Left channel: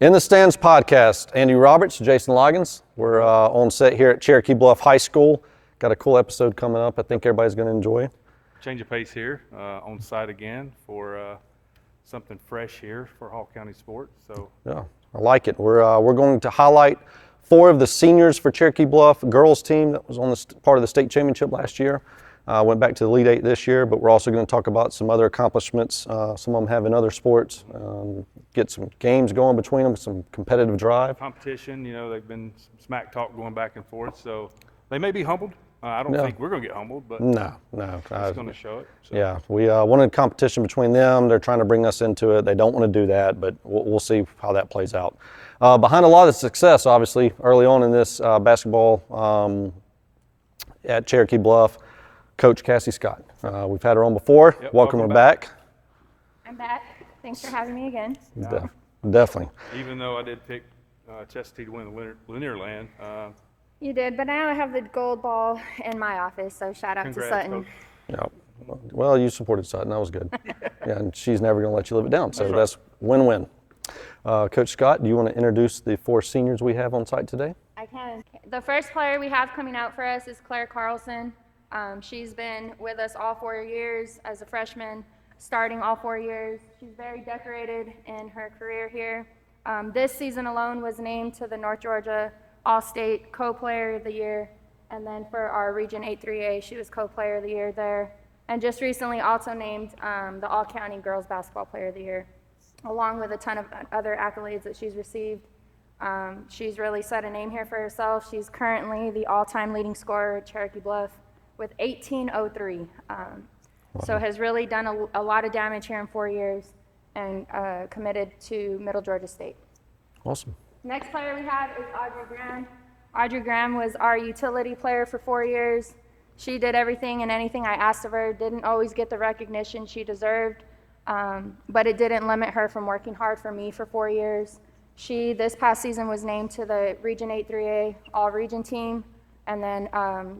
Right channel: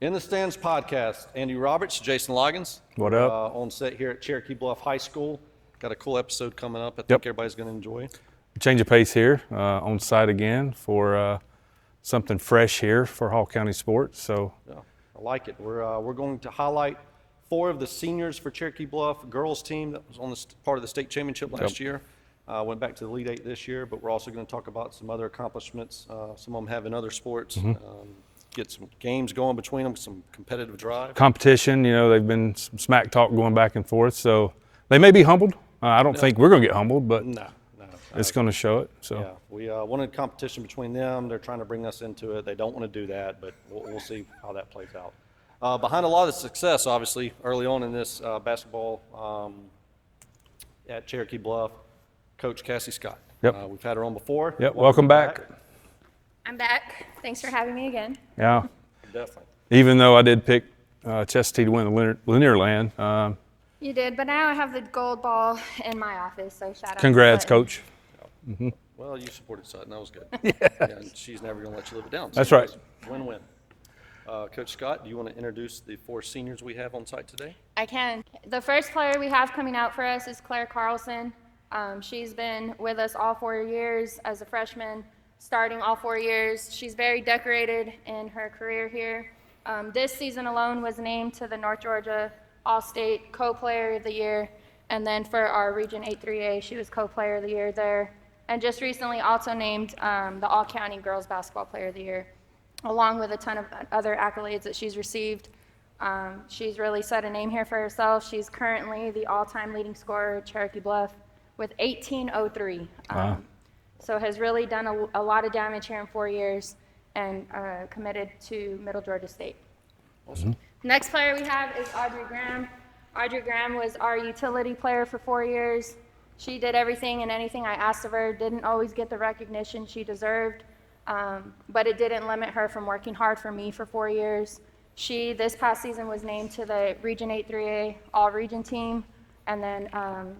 In the Stands podcast, Andy Roberts, Jason Loggins. We're on set here at Cherokee Bluff High School. Got a cool episode coming up I think everybody's going to enjoy. Change of pace here on site again for something fresh here for Hall County sports. So yeah, I like it. We're going to highlight 4 of the seniors for Cherokee Bluff girls team that was on the part of the state championship last year. Went back to the Elite 8 this year, but we're also going to talk about some other accomplishments. Some of them have in other sports. Get some games going between them, some competitive drive. Competition, they've been some smack talk going back and forth. So they may be humbled. I don't think we're going to get humbled, but no, it's going to show it. So. Yeah, we wanted competition between them. They're trying to bring us into it. They don't want to do that, but we'll see how that plays out. Behind a lot of success, obviously, early on in this basketball at Cherokee Bluff, Coach Cassie Scott. We've had her on before. Welcome back. I'm back. Thanks for having me again. Yeah, definitely. Even though I did pick Chestatee to win the Linear Land. You did, but now I have the gold ball in my office, so shout out Congrats, to Sutton. Coach. Yeah. Well, you supported Sutton. That was good. Yes. Yeah, and she's never going to let you live it down. So That's right. That's win-win. Coach Scott, do you want to introduce the 4 seniors we have on site today? I can. The first player we have coming out for us is Claire Carlson. She's been with us all 4 years as a freshman, starting all 4 years. She's very decorated in her career here. This season alone was named to the North Georgia All-State Co-Player of the Year. And then for our Region 8-3A, she was Co-Player of the Year there. And just recently also named the All-County Girls Basketball Player of the Year, along with a ton of other accolades that she's received. She's really set a name here for herself. She's currently the all-time leading scorer at Cherokee Bluff with 1803. So has really done a lot of damage here in 4 years and committed to Middle Georgia State. Awesome. Next player we have is Audrey Graham. Audrey Graham was our utility player for 4 years. She did everything and anything I asked of her, didn't always get the recognition she deserved, but it didn't limit her from working hard for me for 4 years. She, this past season, was named to the Region 8-3A All-Region team, and then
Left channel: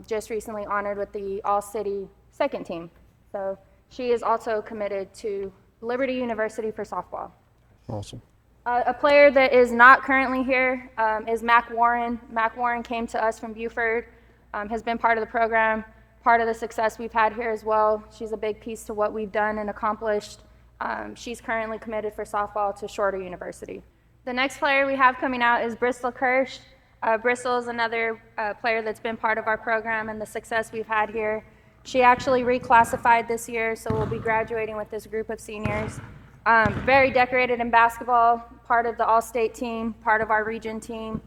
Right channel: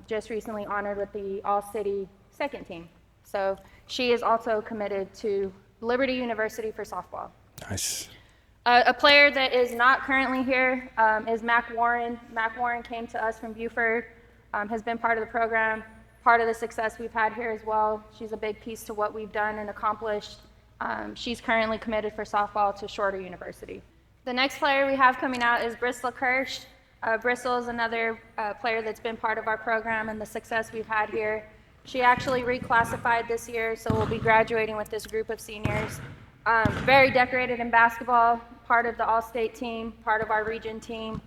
just recently honored with the All-City second team. So she is also committed to Liberty University for softball. Nice. Awesome. A player that is not currently here is Mac Warren. Mac Warren came to us from Buford, has been part of the program, part of the success we've had here as well. She's a big piece to what we've done and accomplished. She's currently committed for softball to Shorter University. The next player we have coming out is Bristol Kirsch. Bristol is another player that's been part of our program and the success we've had here. She actually reclassified this year, so we'll be graduating with this group of seniors. Very decorated in basketball, part of the All-State team, part of our region team,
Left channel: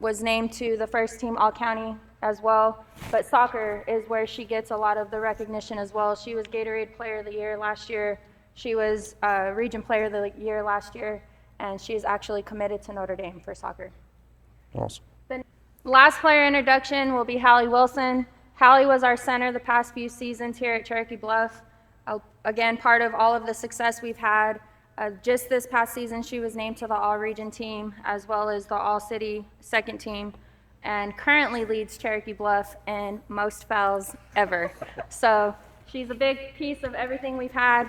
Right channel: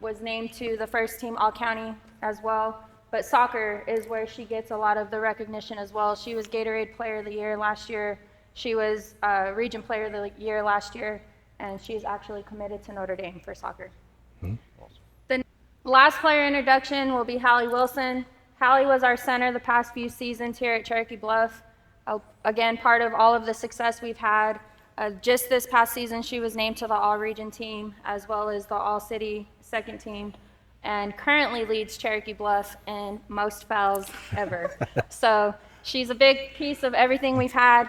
was named to the first team All-County as well. But soccer is where she gets a lot of the recognition as well. She was Gatorade Player of the Year last year. She was Region Player of the Year last year, and she is actually committed to Notre Dame for soccer. Awesome. The last player introduction will be Hallie Wilson. Hallie was our center the past few seasons here at Cherokee Bluff. Again, part of all of the success we've had. Just this past season, she was named to the All-Region team as well as the All-City second team, and currently leads Cherokee Bluff in most fouls ever. So she's a big piece of everything we've had.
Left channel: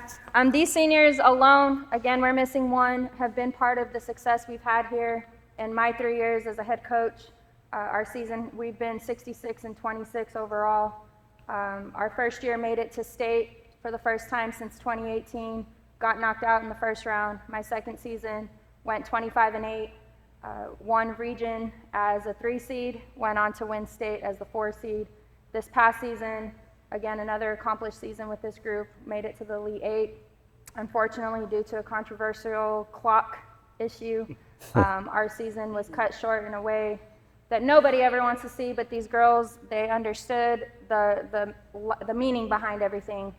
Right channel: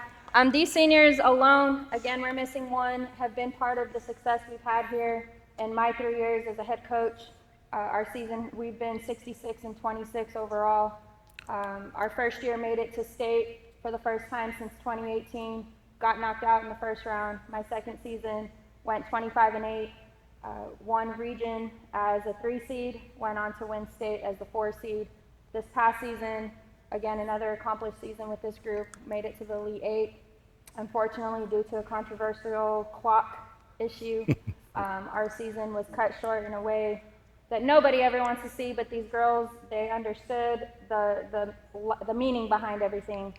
These seniors alone, again, we're missing one, have been part of the success we've had here. In my 3 years as a head coach, our season, we've been 66-26 overall. Our first year made it to state for the first time since 2018, got knocked out in the first round. My second season went 25-8, won region as a 3 seed, went on to win state as the 4 seed. This past season, again, another accomplished season with this group, made it to the Elite 8. Unfortunately, due to a controversial clock issue, our season was cut short in a way that nobody ever wants to see, but these girls, they understood the meaning behind everything,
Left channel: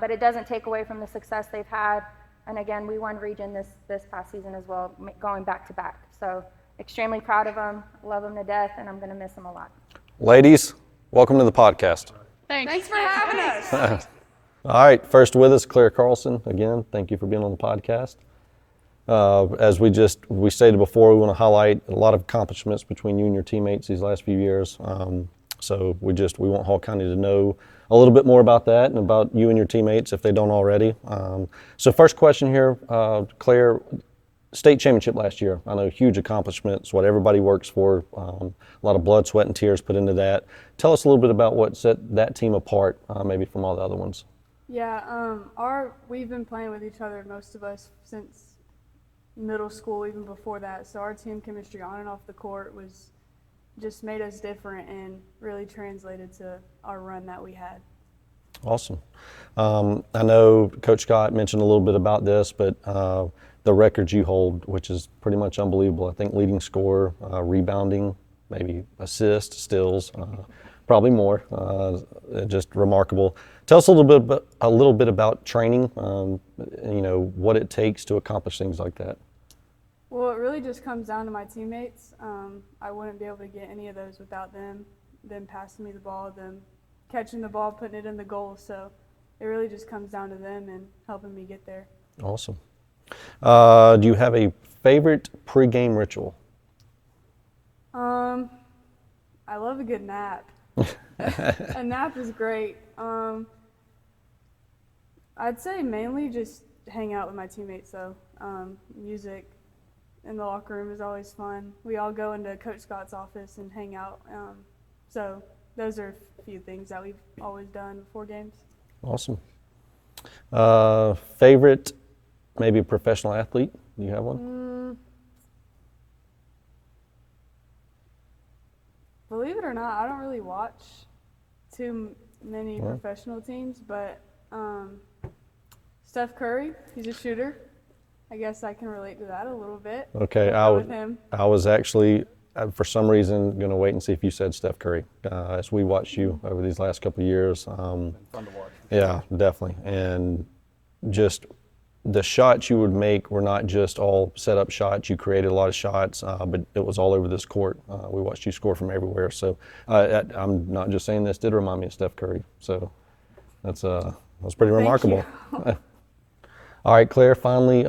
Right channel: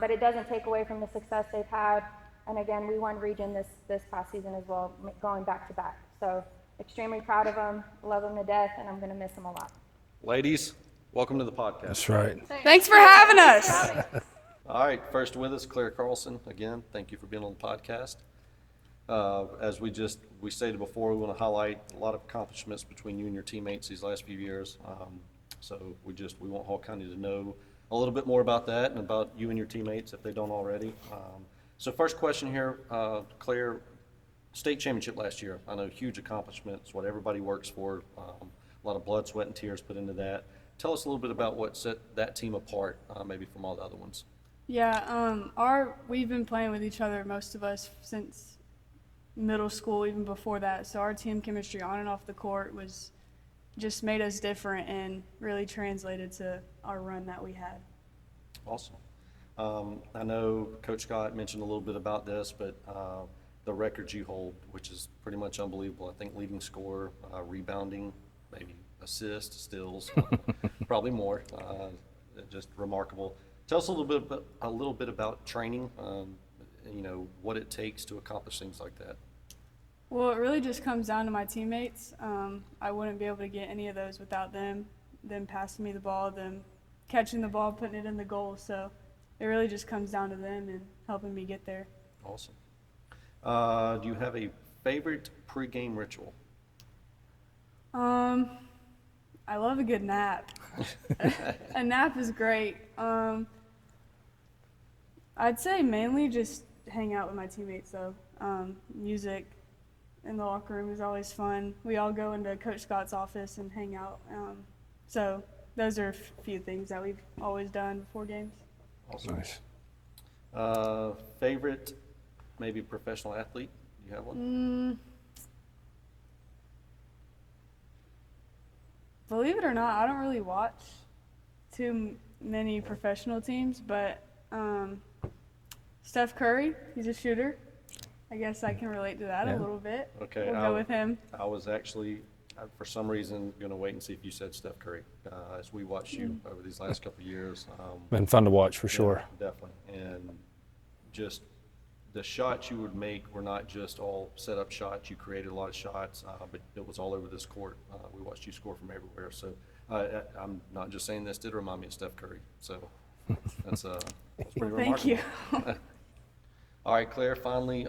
but it doesn't take away from the success they've had. And again, we won region this past season as well, going back to back. So extremely proud of them, love them to death, and I'm going to miss them a lot. Ladies, welcome to the podcast. That's right. Thanks for having us. All right, first with us, Claire Carlson. Again, thank you for being on the podcast. As we stated before, we want to highlight a lot of accomplishments between you and your teammates these last few years. So we want Hall County to know a little bit more about that and about you and your teammates if they don't already. So first question here, Claire, state championship last year. I know, huge accomplishment. It's what everybody works for. A lot of blood, sweat, and tears put into that. Tell us a little bit about what set that team apart, maybe from all the other ones. Yeah, we've been playing with each other, most of us, since middle school, even before that. So our team chemistry on and off the court was just made us different and really translated to our run that we had. Awesome. I know Coach Scott mentioned a little bit about this, but the records you hold, which is pretty much unbelievable. I think leading scorer, rebounding, maybe assist, steals, probably more. Just remarkable. Tell us a little bit about training. What it takes to accomplish things like that. Well, it really just comes down to my teammates. I wouldn't be able to get any of those without them passing me the ball, them catching the ball, putting it in the goal. So it really just comes down to them and helping me get there. Awesome. Do you have a favorite pregame ritual? I love a good nap. A nap is great. I'd say mainly just hang out with my teammates though. Music in the locker room is always fun. We all go into Coach Scott's office and hang out. So those are a few things that we've always done before games. Awesome. Nice. Favorite, maybe professional athlete? Do you have one? Believe it or not, I don't really watch too many professional teams, but Steph Curry, he's a shooter. I guess I can relate to that a little bit. Okay, With him. I was actually, for some reason, going to wait and see if you said Steph Curry. As we watched you over these last couple of years. Been fun to watch for sure. Yeah, definitely. And just the shots you would make were not just all set up shots. You created a lot of shots, but it was all over this court. We watched you score from everywhere. So I'm not just saying this, did remind me of Steph Curry. So that's pretty remarkable. All right, Claire, finally,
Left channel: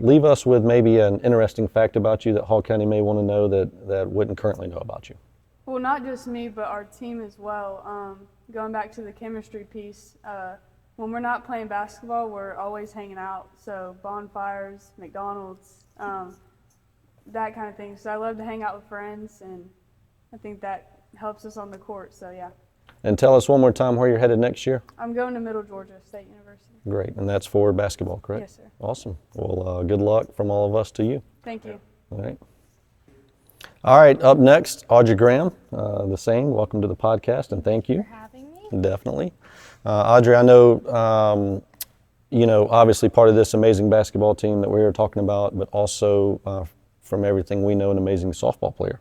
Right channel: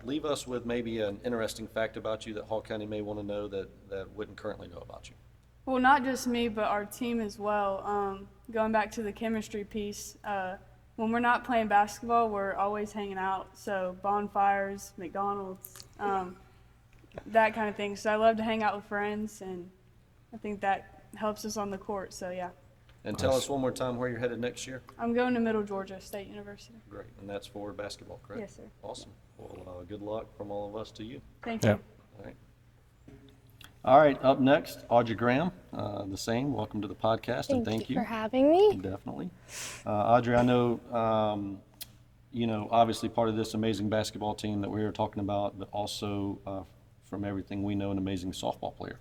leave us with maybe an interesting fact about you that Hall County may want to know that wouldn't currently know about you. Well, not just me, but our team as well. Going back to the chemistry piece, when we're not playing basketball, we're always hanging out. So bonfires, McDonald's, that kind of thing. So I love to hang out with friends, and I think that helps us on the court. So yeah. And tell us one more time where you're headed next year. I'm going to Middle Georgia State University. Great, and that's for basketball, correct? Yes, sir. Awesome. Well, good luck from all of us to you. Thank Yeah. you. All right. All right, up next, Audrey Graham, the same. Welcome to the podcast, and thank you for having me. Definitely. Audrey, I know, obviously part of this amazing basketball team that we're talking about, but also from everything we know, an amazing softball player.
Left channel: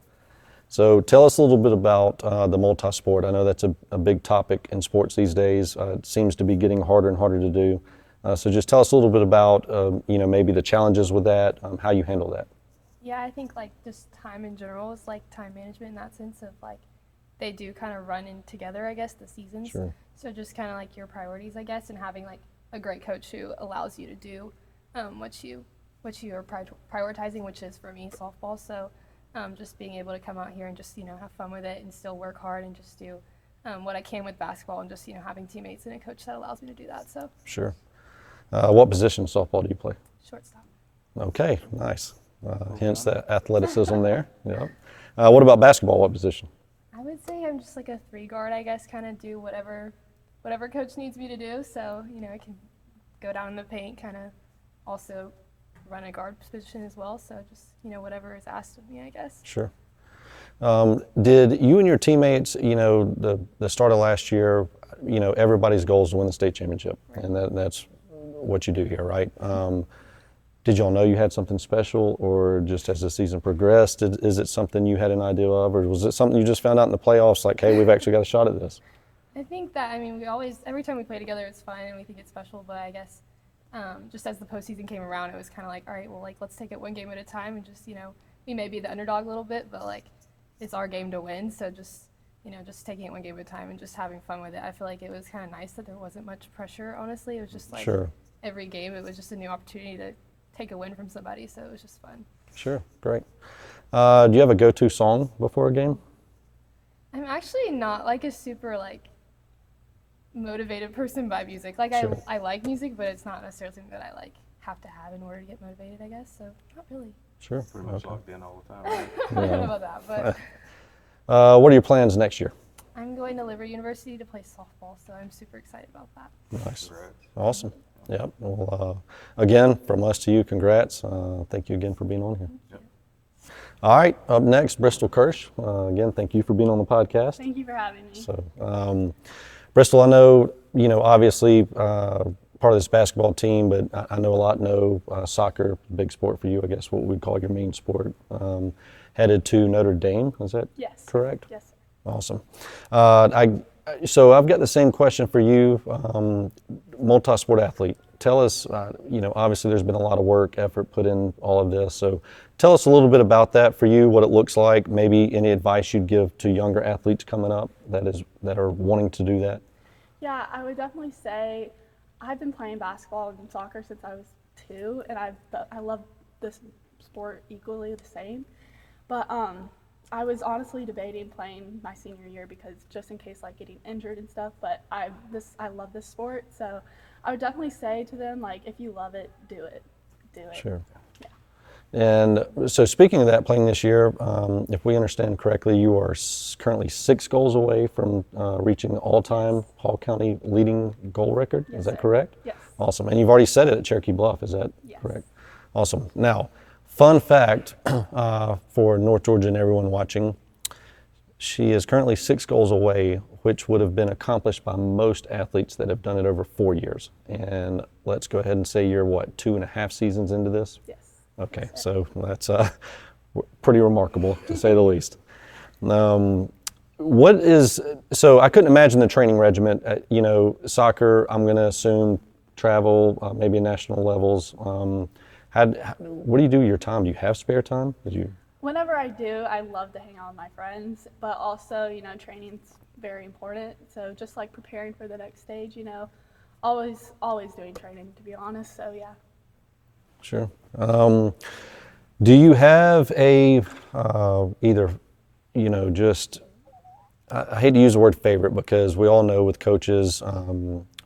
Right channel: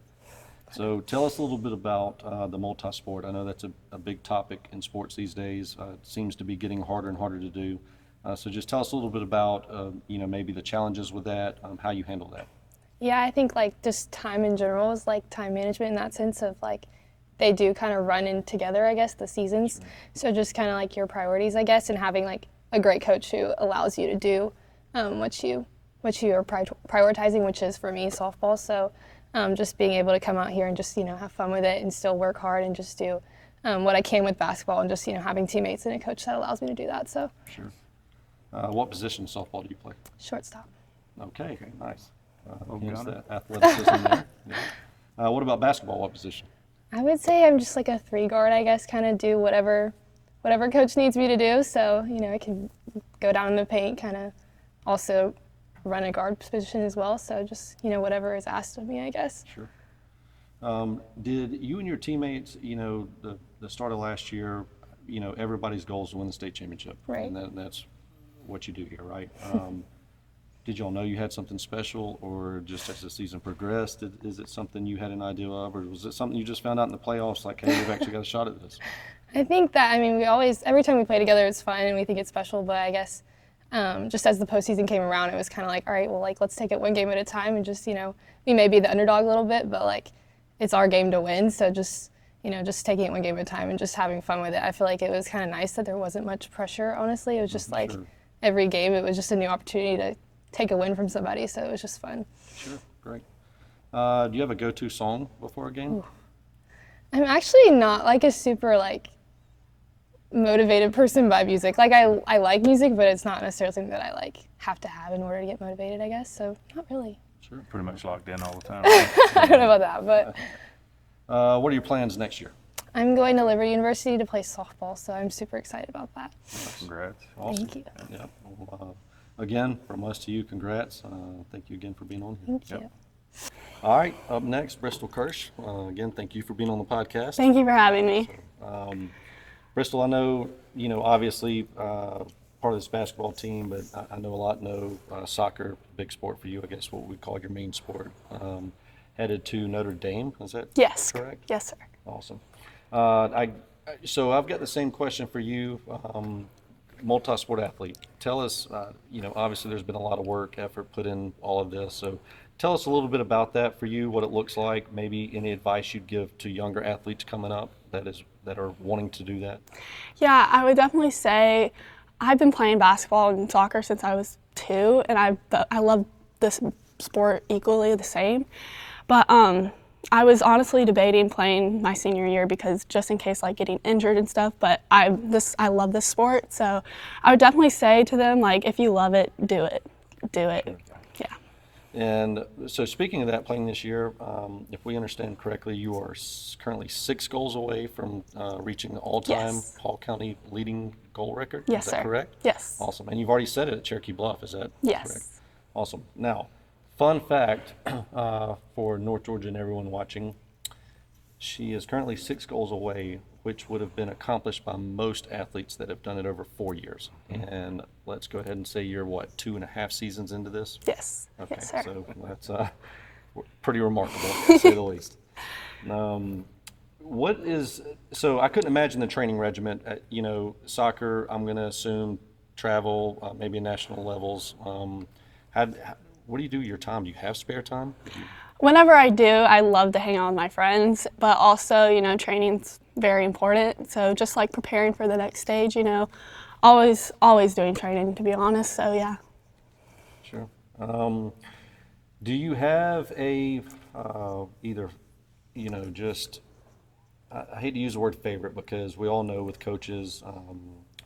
So tell us a little bit about the multi-sport. I know that's a big topic in sports these days. It seems to be getting harder and harder to do. So just tell us a little bit about, maybe the challenges with that, how you handle that. Yeah, I think just time in general is time management in that sense of they do kind of run in together, I guess, the seasons. Sure. So just kind of your priorities, I guess, and having a great coach who allows you to do what you are prioritizing, which is for me softball. So just being able to come out here and just have fun with it and still work hard and just do what I can with basketball and just having teammates and a coach that allows me to do that. So Sure. What position in softball do you play? shortstop. Okay, nice. Hence the athleticism there. Yeah. What about basketball? What position? I would say I'm just a 3-guard, I guess, kind of do whatever coach needs me to do. So, I can go down in the paint, kind of also run a guard position as well. So just, whatever is asked of me, I guess. Sure. Did you and your teammates, the start of last year, everybody's goal is to win the state championship. Right. And that's what you do here, right? Did y'all know you had something special, or just as the season progressed, is it something you had an idea of, or was it something you just found out in the playoffs, hey, we've actually got a shot at this? I think that, we always, every time we play together, it's fun and we think it's special, but I guess just as the postseason came around, it was kind of all right, well, let's take it one game at a time and just, we may be the underdog a little bit, but it's our game to win, so just, just taking it one game at a time and just having fun with it. I feel like it was kind of nice that there wasn't much pressure, honestly. It was just Sure. Every game, it was just a new opportunity to take a win from somebody, so it was just fun. Sure, great. Do you have a go-to song before a game? I'm actually not a super motivated person by music. Like I like music, but it's not necessarily something that I like have to have in order to get motivated, I guess. So not really. Sure. Pretty much locked in all the time. I don't know about that, but What are your plans next year? I'm going to Liberty University to play softball, so I'm super excited about that. Congrats. Awesome. Thank Yep. Well, again, from us to you, congrats. Thank you again for being on here. Thank you. All right, up next, Bristol Kirsch. Again, thank you for being on the podcast. Thank you for having me. So, Bristol, I know, obviously part of this basketball team, but I know a lot know soccer, big sport for you, I guess what we call your main sport. Headed to Notre Dame, is that Yes. correct? Yes, sir. Awesome. So I've got the same question for you, multi-sport athlete. Tell us, obviously there's been a lot of work, effort put in all of this. So tell us a little bit about that for you, what it looks like, maybe any advice you'd give to younger athletes coming up that are wanting to do that. Yeah, I would definitely say I've been playing basketball and soccer since I was 2, and I love this sport equally the same. But I was honestly debating playing my senior year because just in case like getting injured and stuff, but I love this sport, so I would definitely say to them, like, if you love it, do it. Do it. Sure. Yeah. And so speaking of that, playing this year, if we understand correctly, you are currently 6 goals away from reaching the all-time Yes. Hall County leading goal record. Yes, Is that sir. correct? Yes. Awesome. And you've already said it at Cherokee Bluff, is that Yes. correct? Awesome. Now, fun fact for North Georgia and everyone watching, she is currently 6 goals away, which would have been accomplished by most athletes that have done it over 4 years. And let's go ahead and say you're, 2.5 seasons into this? Yes. Okay, Yes, sir. so that's pretty remarkable, to say the least. So I couldn't imagine the training regimen. Soccer, I'm going to assume travel, maybe national levels. What do you do with your time? Do you have spare time? Whenever I do, I love to hang out with my friends, but also, training's very important. So just like preparing for the next stage, always doing training, to be honest. So yeah. Sure. Do you have I hate to use the word favorite because we all know with coaches,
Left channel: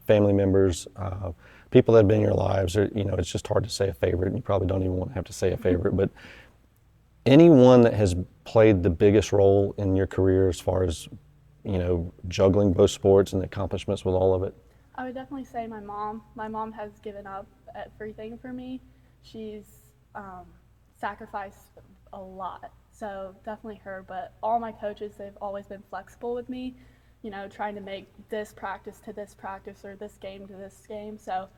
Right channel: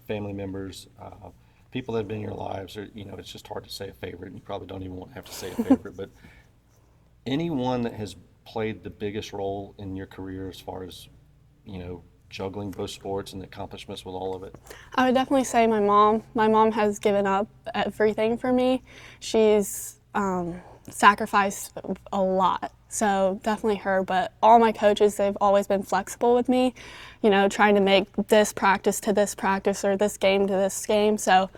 family members, people that have been in your lives, it's just hard to say a favorite, and you probably don't even want to have to say a favorite, but anyone that has played the biggest role in your career as far as, juggling both sports and the accomplishments with all of it? I would definitely say my mom. My mom has given up everything for me. She's sacrificed a lot, so definitely her. But all my coaches, they've always been flexible with me, trying to make this practice to this practice or this game to this game. So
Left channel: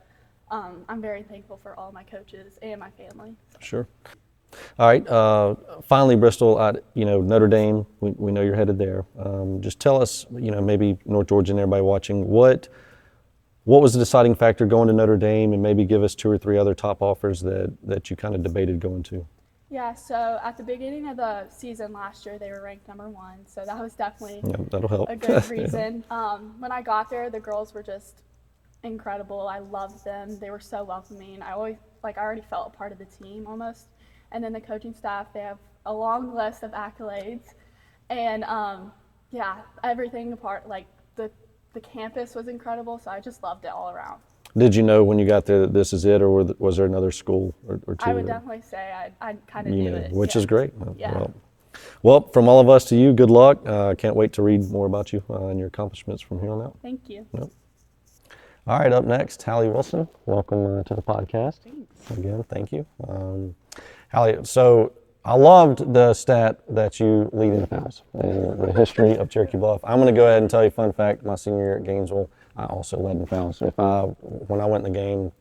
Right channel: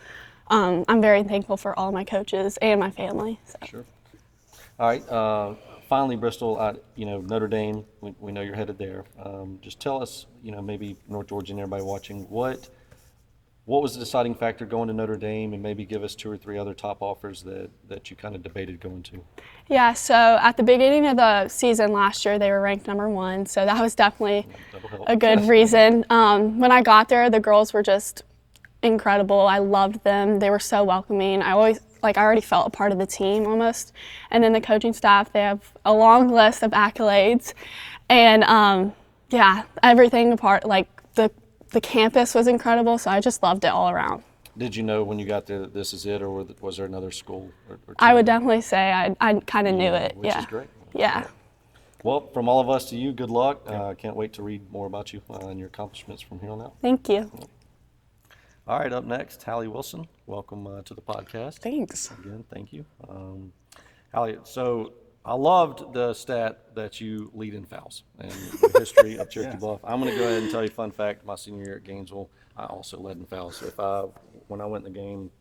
I'm very thankful for all my coaches and my family. So. Sure. All right. Finally, Bristol, Notre Dame, we know you're headed there. Just tell us, maybe North Georgia and everybody watching, what was the deciding factor going to Notre Dame, and maybe give us 2 or 3 other top offers that you kind of debated going to? Yeah, so at the beginning of the season last year, they were ranked #1, so that was definitely That'll help. a good reason. When I got there, the girls were just incredible. I loved them. They were so welcoming. I already felt a part of the team almost. And then the coaching staff, they have a long list of accolades. And everything apart, the campus was incredible, so I just loved it all around. Did you know when you got there that this is it, or was there another school or 2? I would definitely say I kind of knew it. Which yeah. is great. Yeah. Well, from all of us to you, good luck. Can't wait to read more about you and your accomplishments from here on out. Thank you. All right, up next, Hallie Wilson. Welcome to the podcast. Thanks. Again, thank you. Hallie, so I loved the stat that you lead in fouls in the history of Cherokee Bluff. I'm going to go ahead and tell you a fun fact. My senior year at Gainesville, I also led in fouls. So when I went in the game,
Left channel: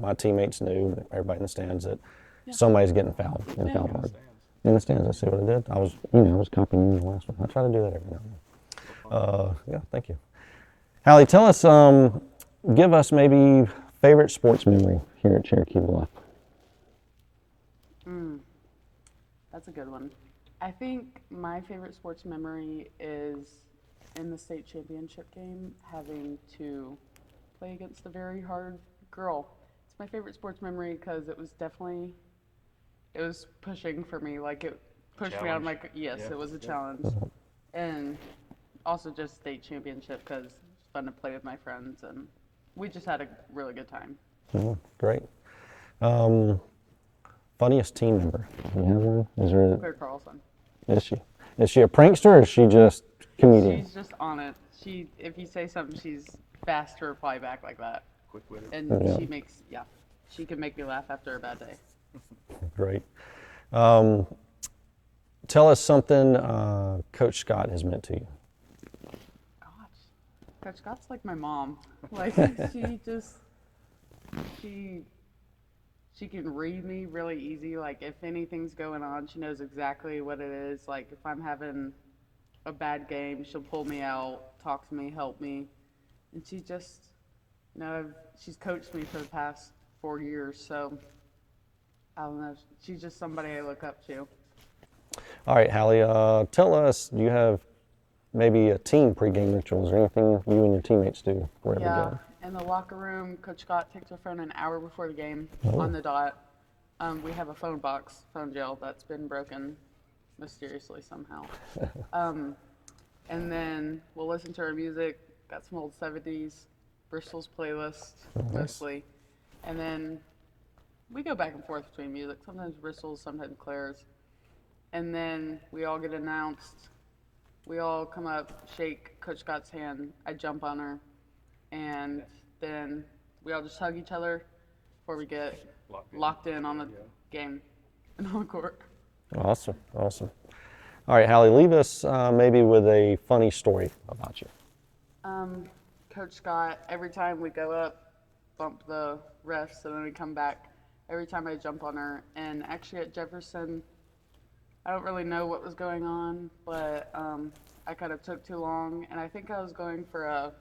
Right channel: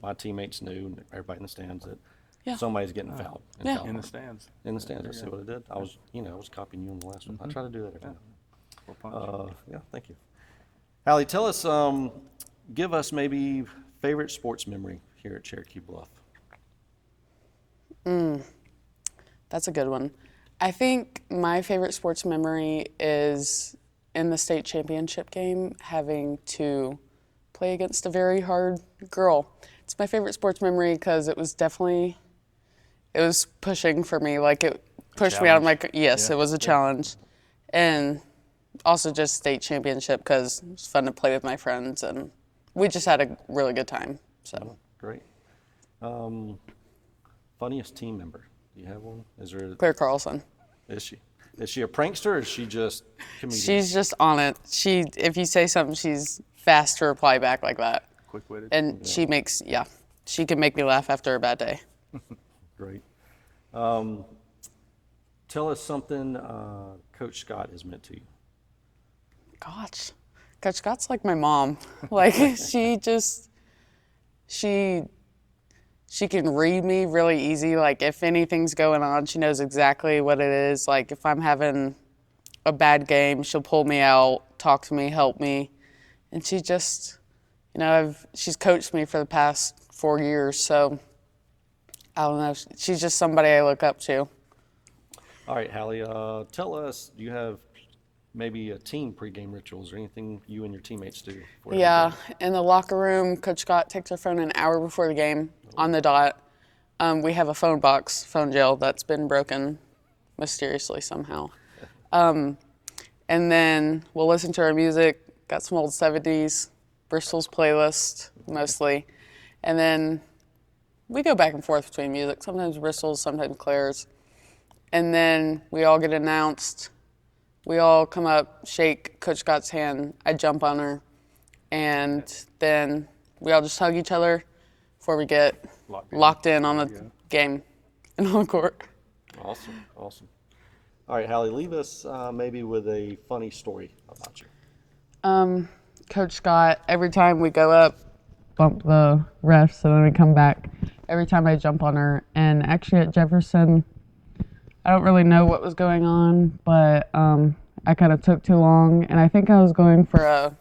my teammates knew, everybody in the stands, that somebody's getting fouled. In the stands. In the stands, I see what I did. I was copying you the last one. I try to do that every now and then. Thank you. Hallie, tell us, give us maybe favorite sports memory here at Cherokee Bluff. That's a good one. I think my favorite sports memory is in the state championship game, having to play against a very hard girl. It's my favorite sports memory because it was pushing for me. Like, it pushed me out of my, yes, it was a challenge. And also just state championship because it's fun to play with my friends, and we just had a really good time. So Great. Funniest team member? You have one? Is there? Claire Carlson. Is she? Is she a prankster or is she just comedian? She's just on it. If you say something, she's fast to reply back like that. Quick-witted. And she can make me laugh after a bad day. Great. Tell us something Coach Scott has meant to you. Gosh, Coach Scott's like my mom. Like she can read me really easy. Like if anything's going on, she knows exactly what it is. Like if I'm having a bad game, she'll pull me out, talk to me, help me. And she just, she's coached me for the past 4 years. So I don't know. She's just somebody I look up to. All right, Hallie, tell us, do you have maybe a team pregame rituals or anything you and your teammates do? before the Yeah, game? in the locker room, Coach Scott takes her phone an hour before the game on the dot. We have a phone jail that's been broken mysteriously somehow. And then we'll listen to our music, got some old 70s, Bristol's playlist mostly. And then we go back and forth between music, sometimes Bristol's, sometimes Claire's. And then we all get announced. We all come up, shake Coach Scott's hand. I jump on her. And then we all just hug each other before we get locked in on the game and on the court. Awesome. All right, Hallie, leave us maybe with a funny story about you. Coach Scott, every time we go up, bump the refs, and then we come back. Every time I jump on her. And actually at Jefferson, I don't really know what was going on, but I kind of took too long, and I think I was going for a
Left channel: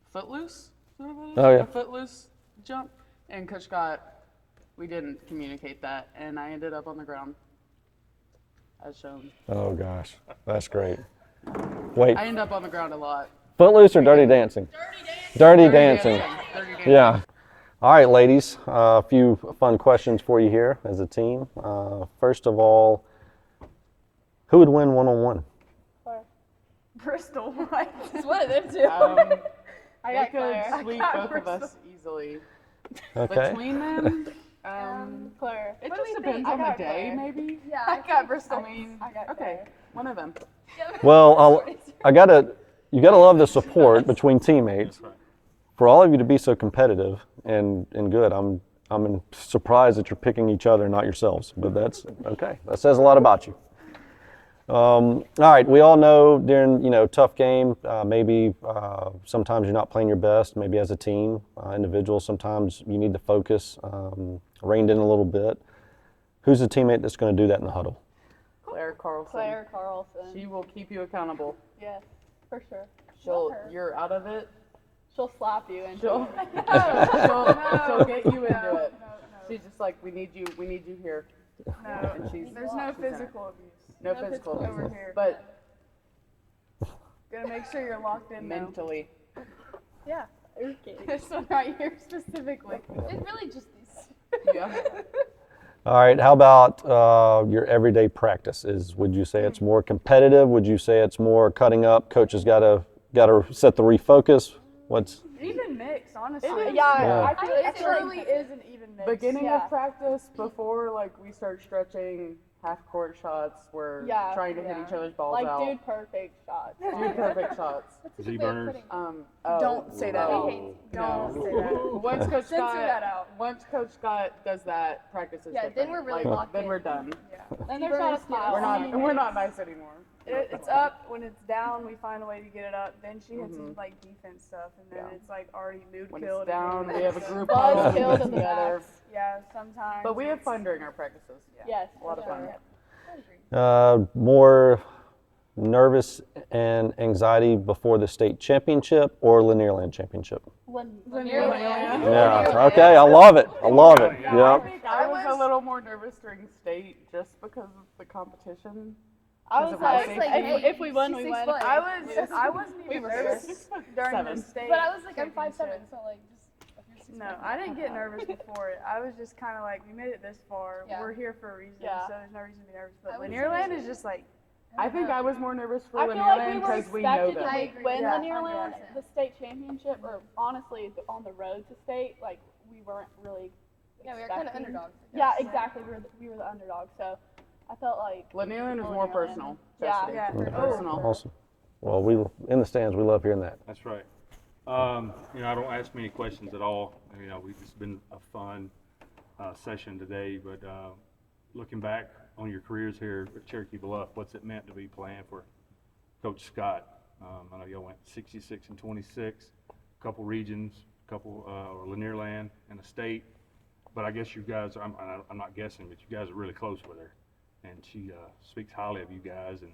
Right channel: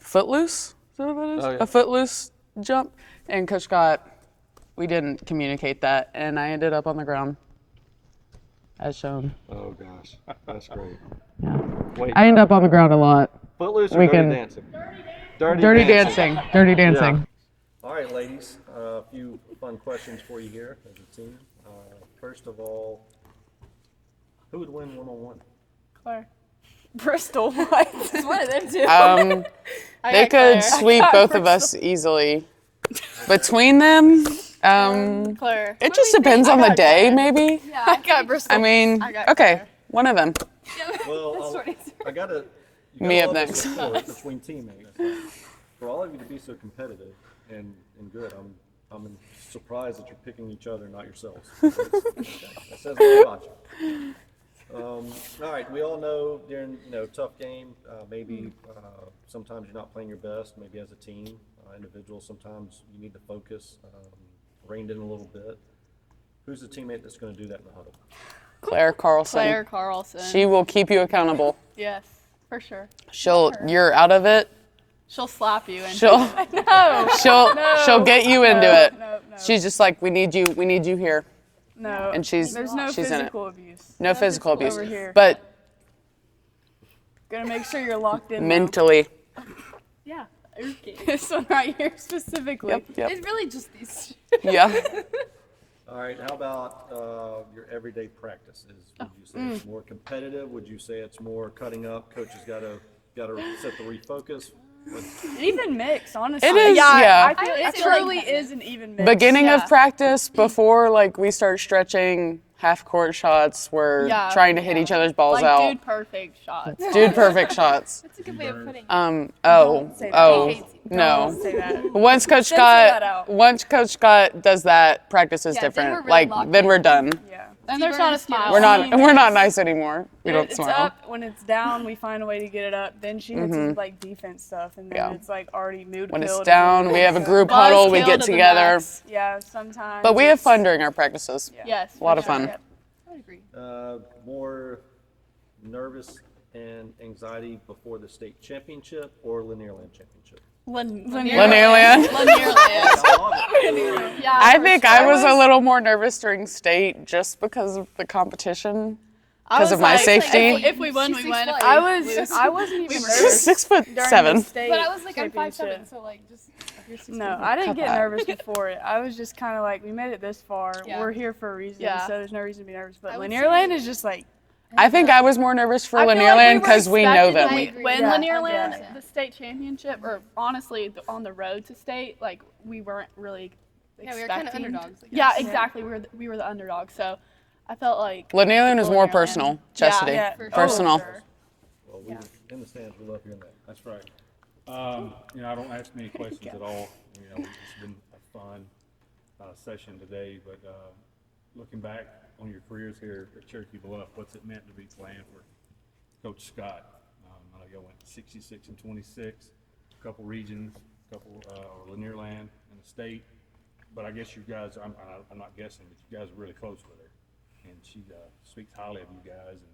footloose. Is that what that is? Oh, yeah. A footloose jump. And Coach Scott, we didn't communicate that, and I ended up on the ground, as shown. Oh, gosh. That's great. Yeah. Wait, I end up on the ground a lot. Footloose or Dirty Weekend. Dancing? Dirty dancing. Dirty dancing. Yeah. All right, ladies, a few fun questions for you here as a team. First of all, who would win one-on-one? Bristol. It's one of them two. They could sweep both of us easily. Between them, Claire. it just depends on the day, maybe. Yeah, I got Bristol. I mean, okay, one of them. Well, you gotta We love have the next. support between teammates. For all of you to be so competitive and good, I'm surprised that you're picking each other, not yourselves. But that's okay. That says a lot about you. All right, we all know during tough game, maybe sometimes you're not playing your best. Maybe as a team, individuals, sometimes you need to focus, reined in a little bit. Who's the teammate that's going to do that in the huddle? Claire Carlson. Claire Carlson. She will keep you accountable. Yes, for sure. You're out of it. She'll slap you. And She'll get you into it. No. She's just like, we need you here. No. And she's There's no in it. physical abuse. No physical abuse, over here. but Gonna make sure you're locked in. though. mentally. Yeah. This one right here specifically. Yep. It's really just these. Yeah. All right, how about your everyday practices? Would you say it's more competitive? Would you say it's more cutting up? Coaches gotta set the refocus. What's Even mix, honestly. It is, yeah. I feel it I feel like truly is an even mix. Beginning Yeah. of practice, before we start stretching half court shots, we're trying to hit each other's balls Like out. dude perfect shots. Dude perfect shots. That's a good way of putting it. say that. No. Say that. Once Coach that out. Scott does that, practice is Yeah, then different. we're really locked Then in. we're done. Yeah. And there's not a smile. We're not nice anymore. We When don't it's smile. up, when it's down, we find a way to get it up. Then she hits it with defense stuff, and then Yeah. it's already mood When it's killed down, and we have a so- group Buzz huddle, we killed get in the together. backs. Yeah, sometimes. But we have it's- fun during our practices. Yes. A lot of fun. I agree. more nervous and anxiety before the state championship or Lanierland championship? Lanierland. Okay, I love it. Yeah. I think I was a little more nervous during state just because of the competition, because of my safety. If we won, we won. If I we was lose- I wasn't even She's nervous 6'7". during the state But I was like, I'm 5'7", championship. so just. You're 6'7". No, I didn't get nervous before it. I was just kind of we made it this far. Yeah. We're here for a reason, Yeah. so there's no reason to be nervous. But I would Lanierland say- is just I think I was more nervous for I feel Lanierland like we were because we know expected them. I to agree. win Yeah. Lanierland, Yeah. the state championship, or honestly, on the road to state, like we weren't really Yeah, we were kind of expecting- underdogs. I Yeah, guess. exactly. We were the underdog, so I felt like Lanierland is more Lanierland. personal, Chastity. Yeah, Personal. Awesome. Well, we in the stands. We love hearing that. That's right. I don't ask many questions at all. It's been a fun session today, but looking back on your careers here at Cherokee Bluff, what's it meant to be playing for Coach Scott? I know y'all went 66 and 26, a couple regions, Lanierland and a state. But I guess you guys, I'm not guessing, but you guys are really close with her, and she speaks highly of you guys. And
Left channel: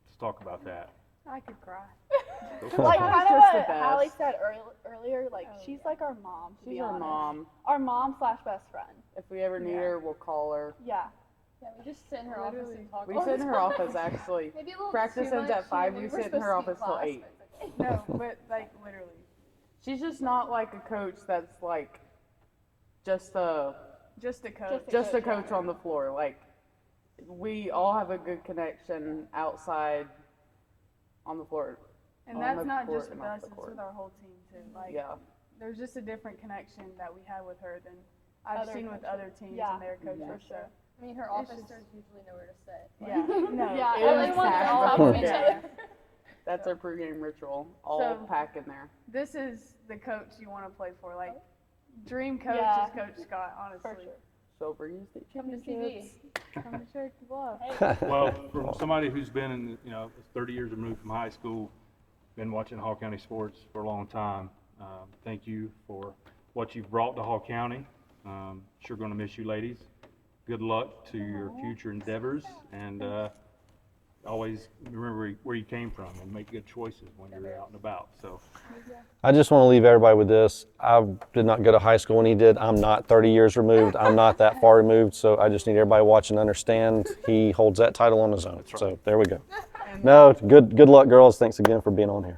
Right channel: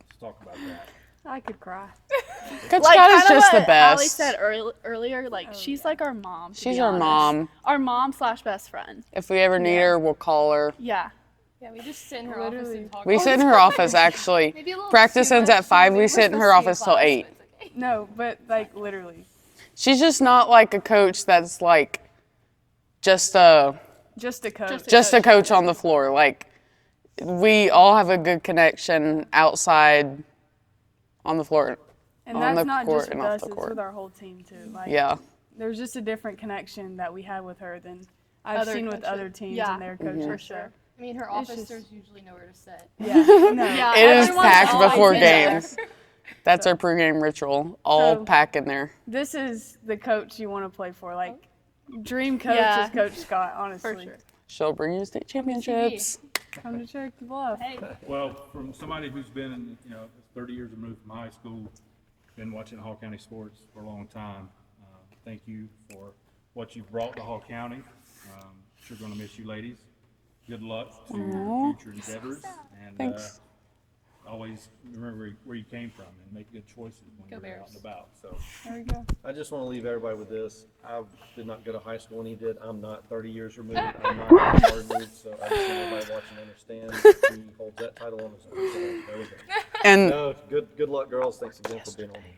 let's talk about that. I could cry. Coach Like Scott is kinda just what the best. Allie said earlier, like she's like our mom. to She's be our honest. mom. Our mom / best friend. If we ever need her, we'll call her. Yeah. Yeah, we just sit in her office and talk. We sit in her office actually. Maybe a little Practice too ends much. at 5. We We're sit in her supposed to be office till class, 8. but it's okay. No, but like literally, She's just not like a coach that's like just a just a coach. just a coach on the floor. Like we all have a good connection outside on the floor. And on that's the not court just and with off us; the it's court. with our whole team too. Like, Yeah. there's just a different connection that we have with her than I've Other seen with coaches. other teams Yeah, and their coaches. for sure. I mean, her It's officers just- usually know where to sit. Yeah. No. Yeah, It is everyone's packed always before in there. games. That's our pregame ritual. All So- pack in there. This is the coach you want to play for. Like, dream coach Yeah. is Coach Scott. Honestly, For sure. She'll bring you state championships. come to Cherokee Bluff. Well, from somebody who's been in, 30 years removed from high school, been watching Hall County sports for a long time, thank you for what you've brought to Hall County. Sure going to miss you, ladies. Good luck to your future endeavors, and Thanks. always remember where you came from and make good choices when you're out and about. So, I just want to leave everybody with this. I did not go to high school when he did. I'm not 30 years removed. I'm not that far removed. So I just need everybody watching to understand he holds that title on his own. So there we go. And No, good luck, girls. Thanks again for being on here.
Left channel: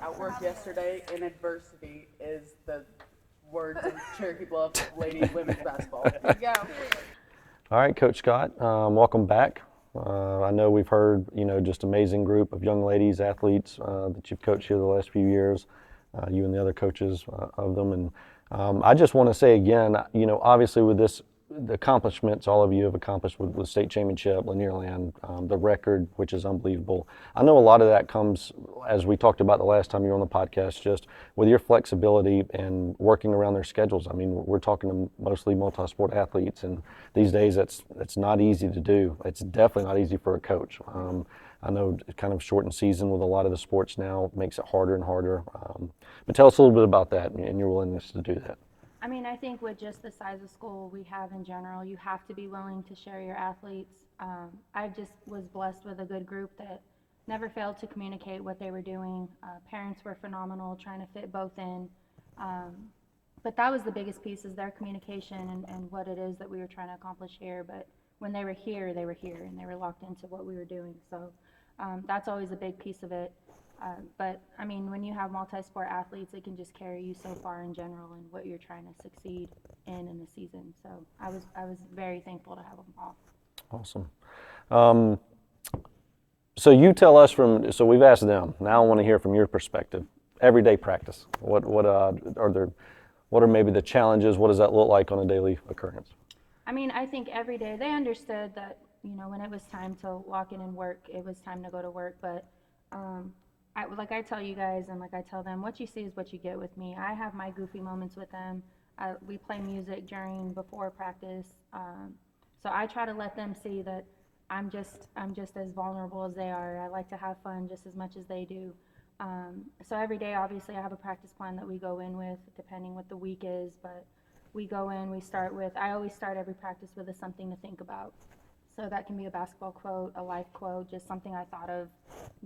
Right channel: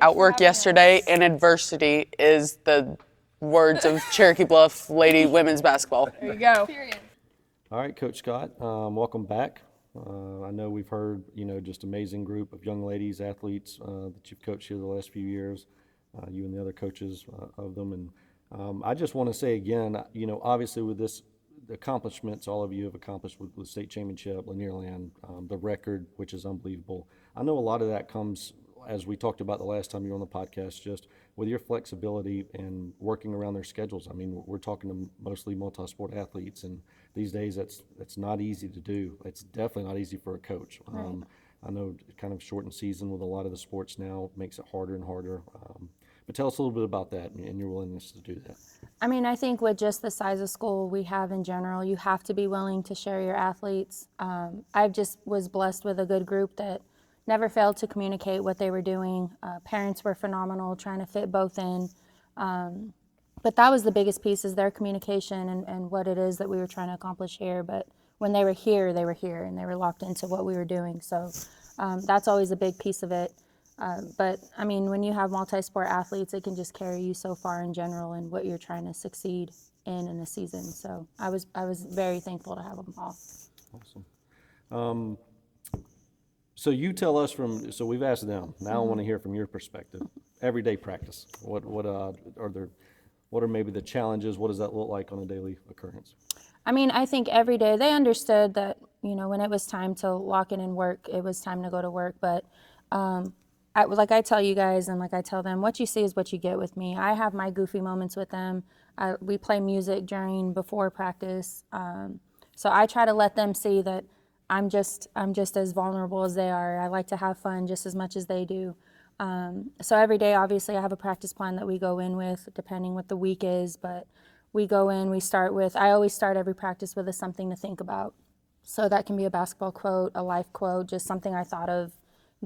outwork yesterday and adversity is the words of Cherokee Bluff Lady Women's Basketball. There you go. All right, Coach Scott, welcome back. I know we've heard, just amazing group of young ladies, athletes that you've coached here the last few years, you and the other coaches of them. And I just want to say again, obviously with this, the accomplishments all of you have accomplished with state championship, Lanierland, the record, which is unbelievable. I know a lot of that comes, as we talked about the last time you were on the podcast, just with your flexibility and working around their schedules. I mean, we're talking to mostly multi-sport athletes, and these days it's not easy to do. It's definitely not easy for a coach. I know kind of shortened season with a lot of the sports now makes it harder and harder. But tell us a little bit about that and your willingness to do that. I mean, I think with just the size of school we have in general, you have to be willing to share your athletes. I just was blessed with a good group that never failed to communicate what they were doing. Parents were phenomenal, trying to fit both in. But that was the biggest piece, is their communication and what it is that we were trying to accomplish here. But when they were here, and they were locked into what we were doing. So that's always a big piece of it. But I mean, when you have multi-sport athletes, it can just carry you so far in general and what you're trying to succeed in the season. So I was very thankful to have them all. Awesome. So you tell us so we've asked them. Now I want to hear from your perspective. Everyday practice. What are maybe the challenges? What does that look like on a daily occurrence? I mean, I think every day they understood that, when it was time to lock in and work, it was time to go to work. But like I tell you guys and like I tell them, what you see is what you get with me. I have my goofy moments with them. We play music before practice. So I try to let them see that I'm just as vulnerable as they are. I like to have fun just as much as they do. So every day, obviously, I have a practice plan that we go in with, depending what the week is. But we go in, I always start every practice with something to think about. So that can be a basketball quote, a life quote, just something I thought of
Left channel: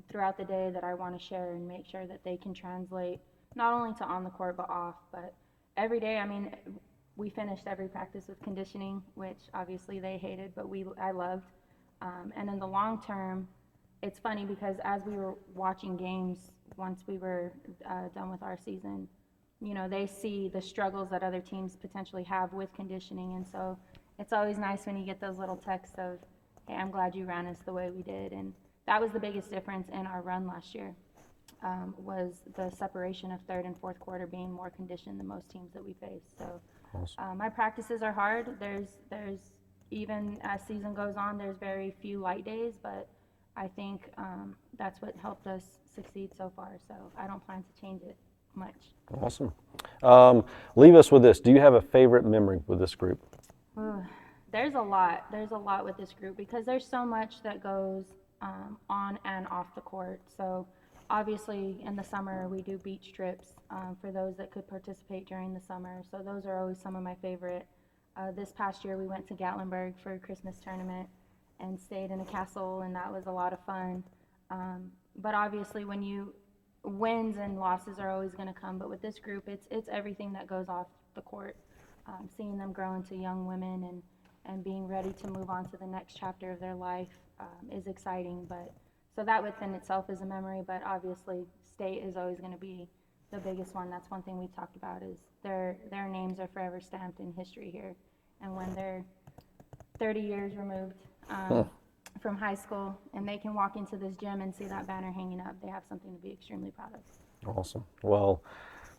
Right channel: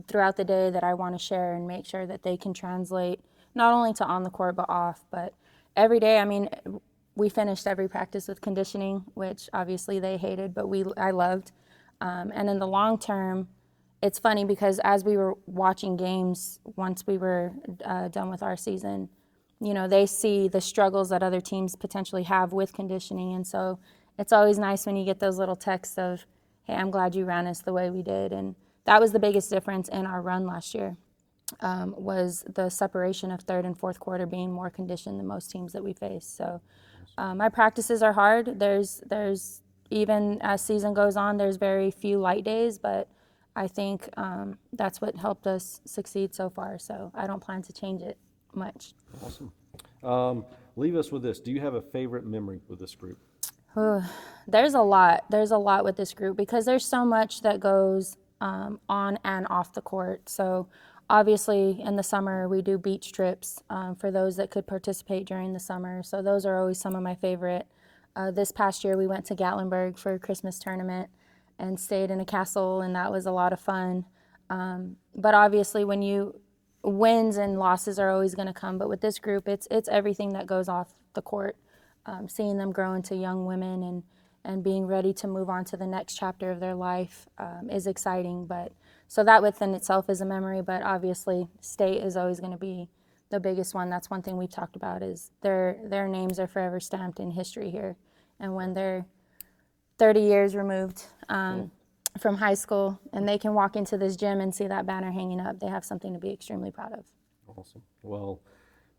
throughout the day that I want to share and make sure that they can translate not only to on the court but off. But every day, I mean, we finished every practice with conditioning, which obviously they hated, but I loved. And in the long term, it's funny because as we were watching games, once we were done with our season, they see the struggles that other teams potentially have with conditioning. And so it's always nice when you get those little texts of, hey, I'm glad you ran us the way we did. And that was the biggest difference in our run last year, was the separation of third and fourth quarter being more conditioned than most teams that we face. So my practices are hard. There's even as season goes on, there's very few light days, but I think that's what helped us succeed so far. So I don't plan to change it much. Awesome. Leave us with this. Do you have a favorite memory with this group? There's a lot. There's a lot with this group because there's so much that goes on and off the court. So obviously in the summer we do beach trips for those that could participate during the summer. So those are always some of my favorite. This past year we went to Gatlinburg for a Christmas tournament and stayed in a castle, and that was a lot of fun. But obviously when you wins and losses are always going to come, but with this group it's everything that goes off the court. Seeing them grow into young women and being ready to move on to the next chapter of their life is exciting. But so that within itself is a memory, but obviously state is always going to be the biggest one. That's one thing we've talked about, is their names are forever stamped in history here. And when they're 30 years removed from high school and they can walk into this gym and see that banner hanging up, they have something to be extremely proud of. Awesome. Well,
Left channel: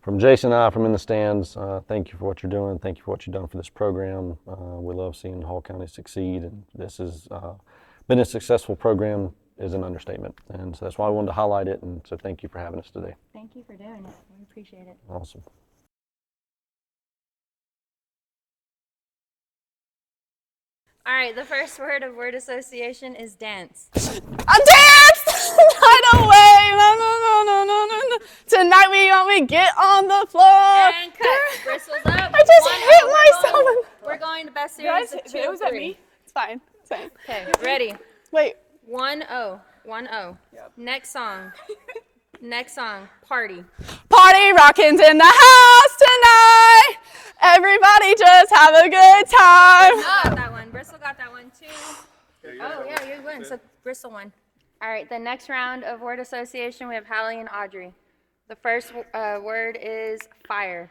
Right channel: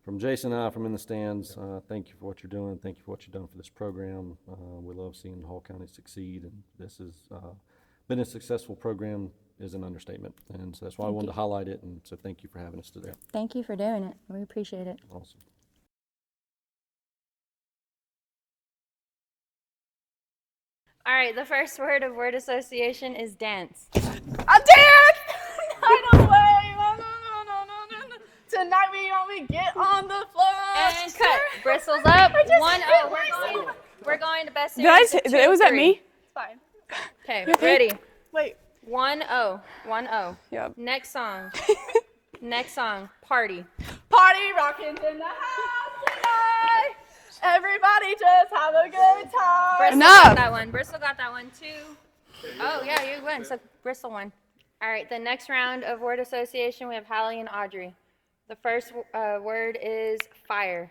from Jason and I, from in the stands, thank you for what you're doing. Thank you for what you've done for this program. We love seeing Hall County succeed, and this has been a successful program is an understatement. And so that's why I wanted to highlight it, and so thank you for having us today. Thank you for doing it. We appreciate it. Awesome. All right, the first word of word association is dance. A dance! Night away! No. Tonight we get on the floor. And cut. Bristles up. I just hit myself. We're going to best Did I series say, of 2 and was that 3. me? It's fine. Okay, ready? Wait. 1-0. 1-0. Yep. Next song. Next song. Party. Party rocking's in the house tonight. Everybody just have a good time. Got that one. Bristol got that one too. Oh yeah, you win. So Bristol won. All right, the next round of word association, we have Hallie and Audrey. The first word is fire.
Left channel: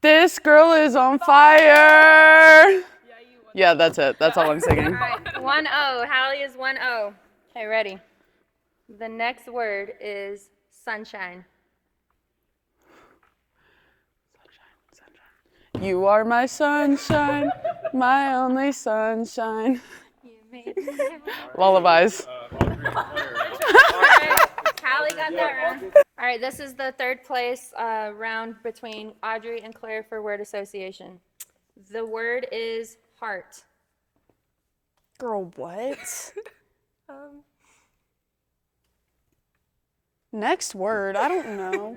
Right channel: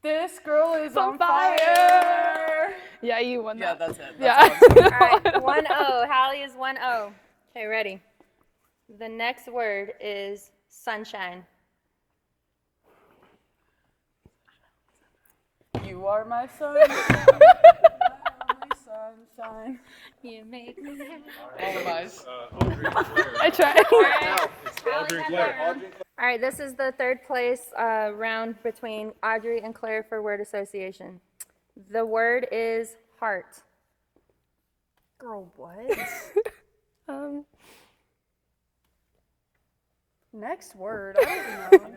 This girl is on fire. Yeah, you won. Yeah, that's it. That's all I'm saying. All right, 1-0. Hallie is 1-0. Okay, ready. The next word is sunshine. You are my sunshine, my only sunshine. You made me. Lullabies. I tried. All right, Hallie got that round. All right, this is the third place round between Audrey and Claire for word association. The word is heart. Girl, what? Next word, I don't know.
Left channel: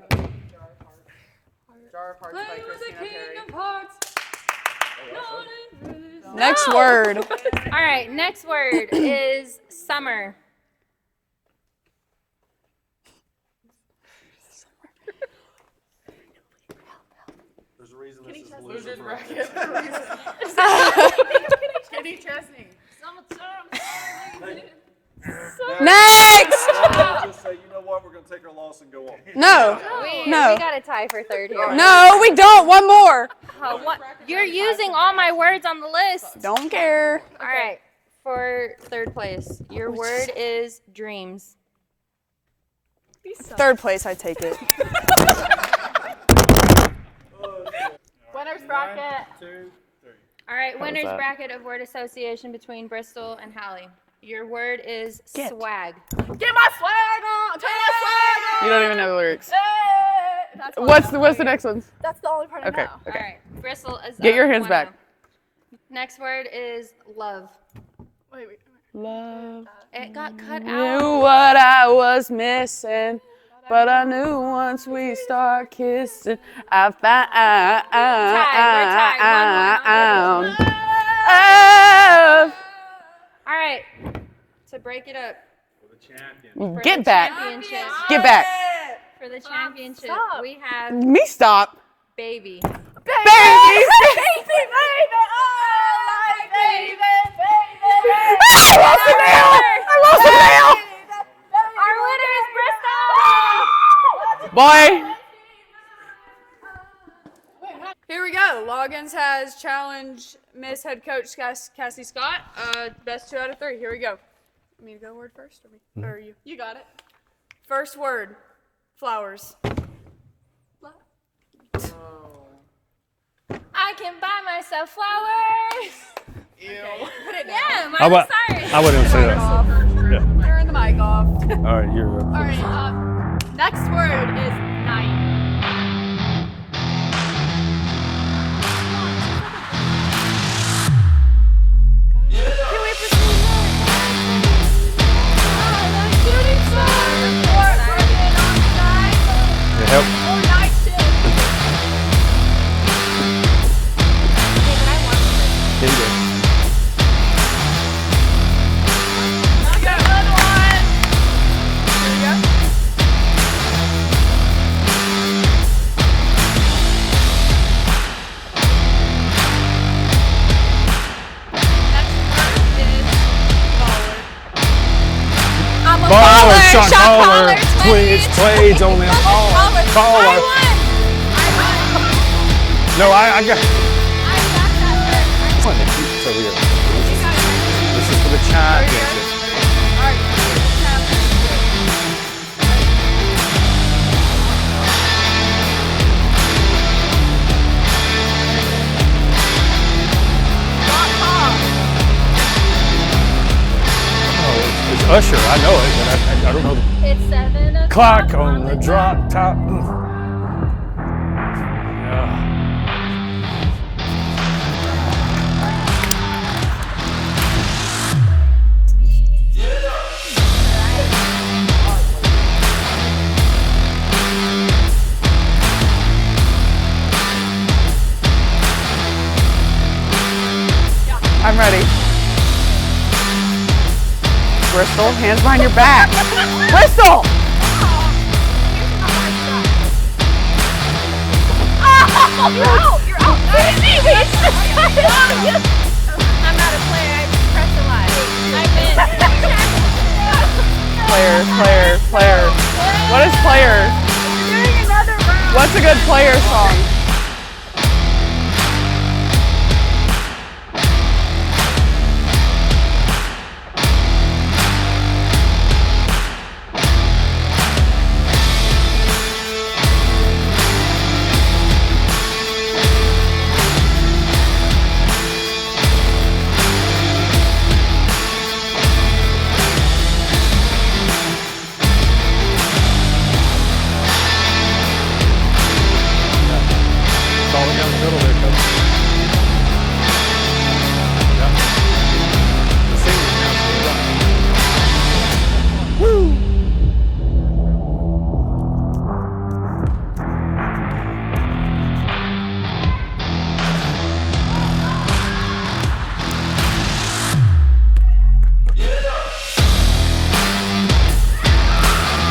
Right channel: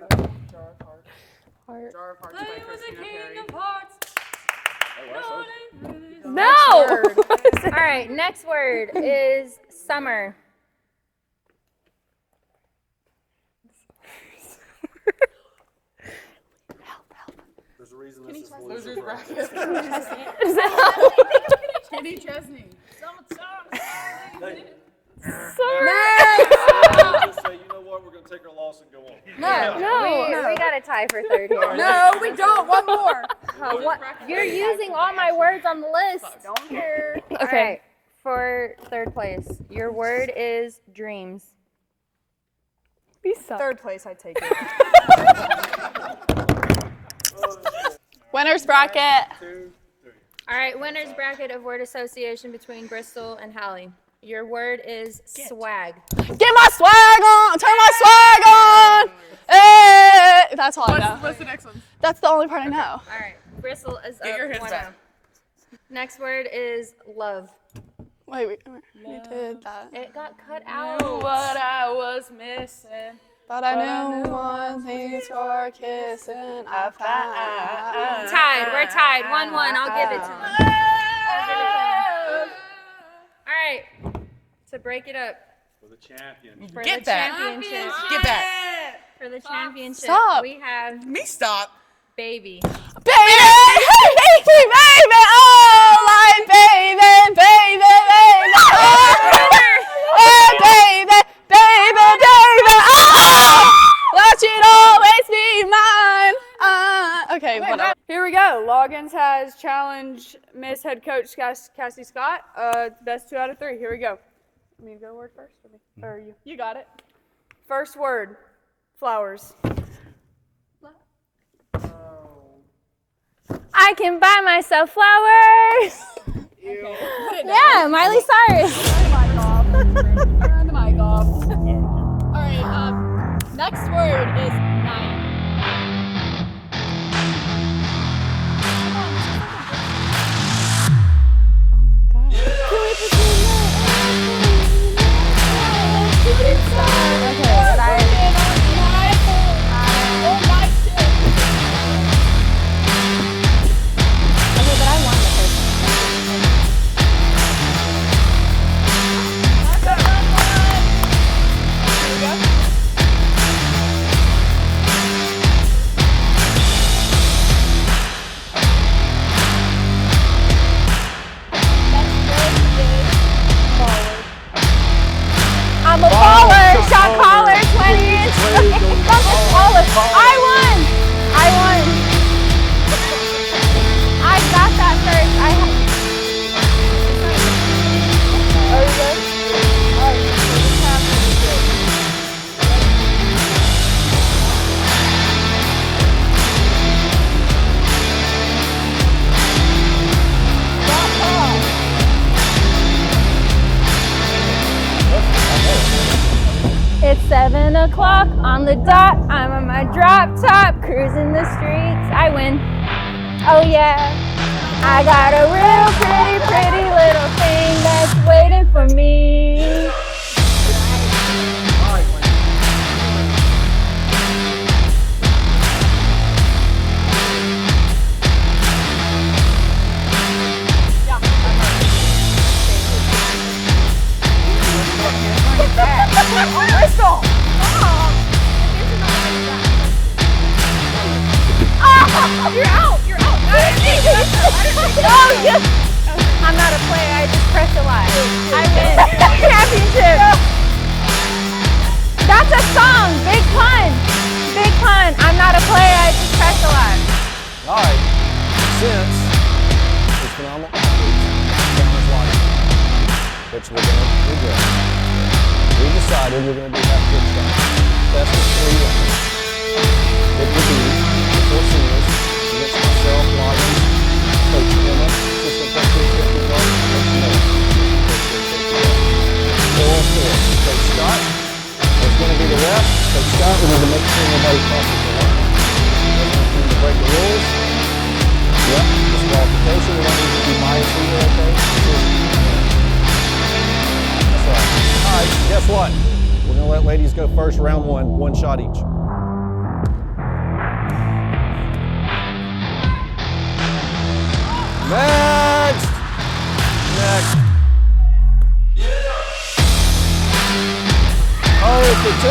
Next word. All right, next word is summer. Next! Just say, you know what, we're going to take our loss and go on. No. We got a tie for third here. No, we don't. One more. You're using all my words on the list. Don't care. All right, for third place, your word is dreams. Third place, I take it. Winner's bracket. All right, winner's bracket of word association between Bristol and Hallie. Your word is swag. Get my swag on. Turn my swag You on. don't even know the lyrics. Hey, that's all I know. What's the next one? That's the only part I know. All right, Bristol is Get up your hands 1-0. back. Next word is love. Wait. We did that. It got cut Knew out. what I was missing, But but I knew once we start kissing, I found. We're tied. 1-1. I'll give it to you. All right, to break it up. For Get the back. championship. Get back. For the championship, Stop. we have Me stop. baby. Baby, oh, like baby. Baby, oh, let you Bye. always be mine. Okay, whatever. Here we go. Loggins has challenged Miss Head Coach Cassie Scott. Best 2 out of 3. Here we go. Me to go word first, or you? You got it. First word. Flowers. I can buy myself flowers. Yeah, Miley Cyrus. I wouldn't say that. Turn the mic off. All right, you're All right. Next word is night. I'm a baller. Shot caller. Twins. Plays on that. I won. No, I got. I got that first. I had This is for the chime. Usher, I know it, but I don't know. It's 7 o'clock Clock on the dot. I'm on my drop top, cruising the streets. I win. Oh yeah. I got a real pretty little thing that's waiting for me. I'm ready. Bristol, hands behind your back. Bristol! You're out. Oh, yes. I'm not a player. I just pressed a lot. I win. Championship. Players. That's a song. What is Big Players? Pun. Big Pun. I'm not What's a a player. good player I just pressed a song? lot. All right. Since it's phenomenal, which we're going to do. We decided we're going to do that. Guess what? We're going to let ladies go first, round one shot each. Next. Oh, for 2.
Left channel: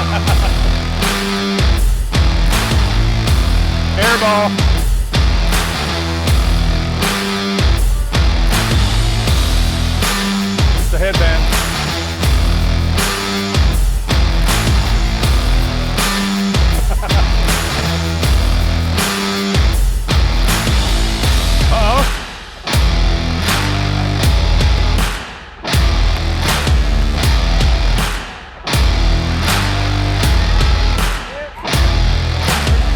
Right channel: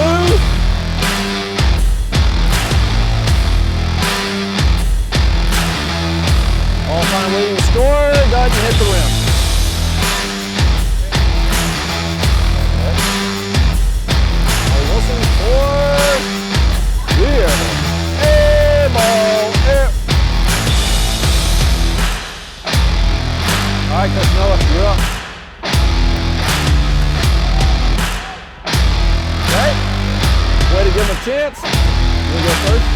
Airball. All-time leading scorer, doesn't hit the rim. It's the headband. Chance. We'll go first.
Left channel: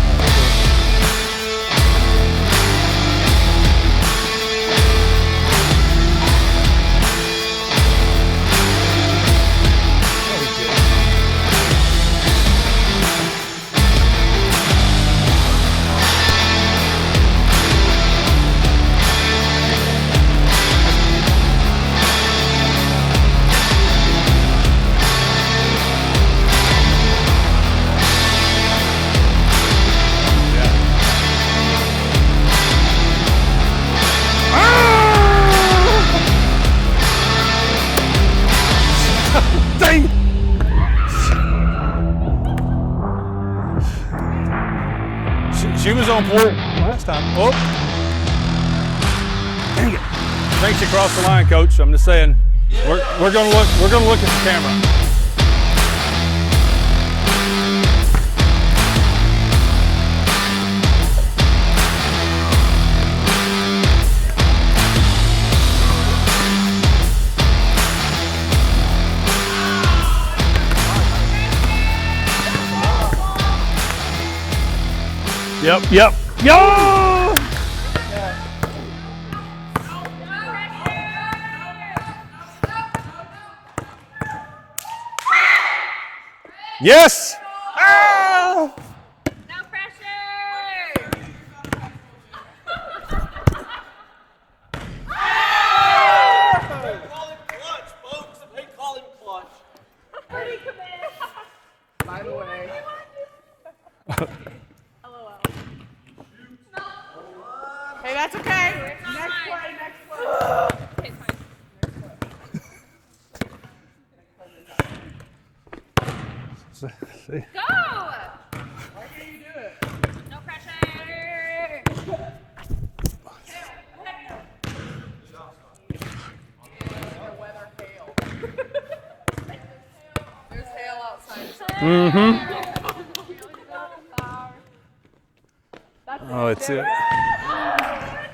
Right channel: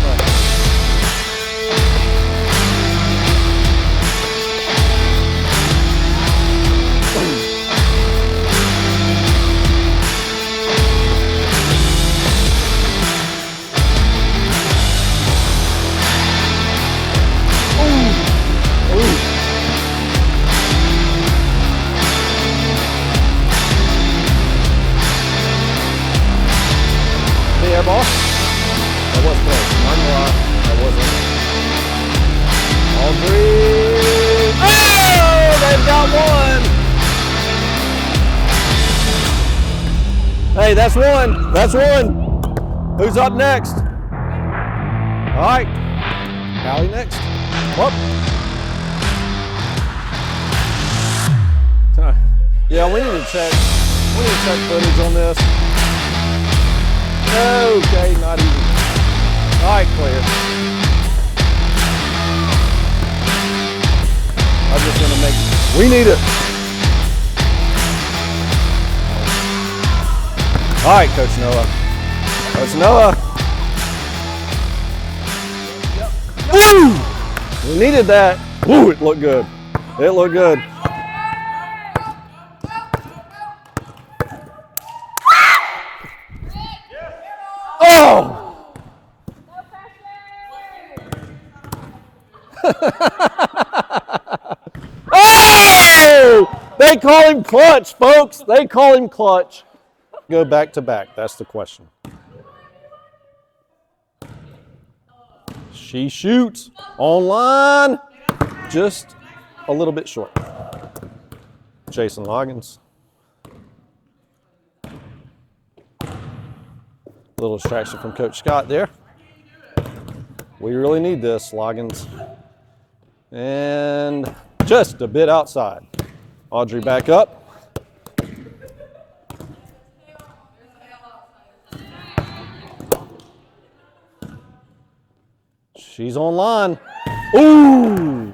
Yeah, ball. It was close. Yeah, it was. All 3. Oh, they've got one. Dang. Hey, that's one. That's one. Who's up next? All right. She was on point. Next time. Whoop. Thanks you across the line, Coach. I'm just saying. Yeah, We're gonna look at the camera. footage on this. Okay, not even. All right, clear. need it. All right, Coach Noah. Coach Noah. Yep. We needed that. Ooh, it looked good. It looked good. Yes. Oh. No pressure. Oh! They call him clutch, folks. They call him clutch. Go back to back. That's the question. By the way. She shoots on line. Hey, that's okay. Just a little bit short. Jason Loggins. A little distraction from Coach Scott there. We really need this, Loggins. And just a bit outside. Audrey back up. There's hail outside. She's on line. Ooh!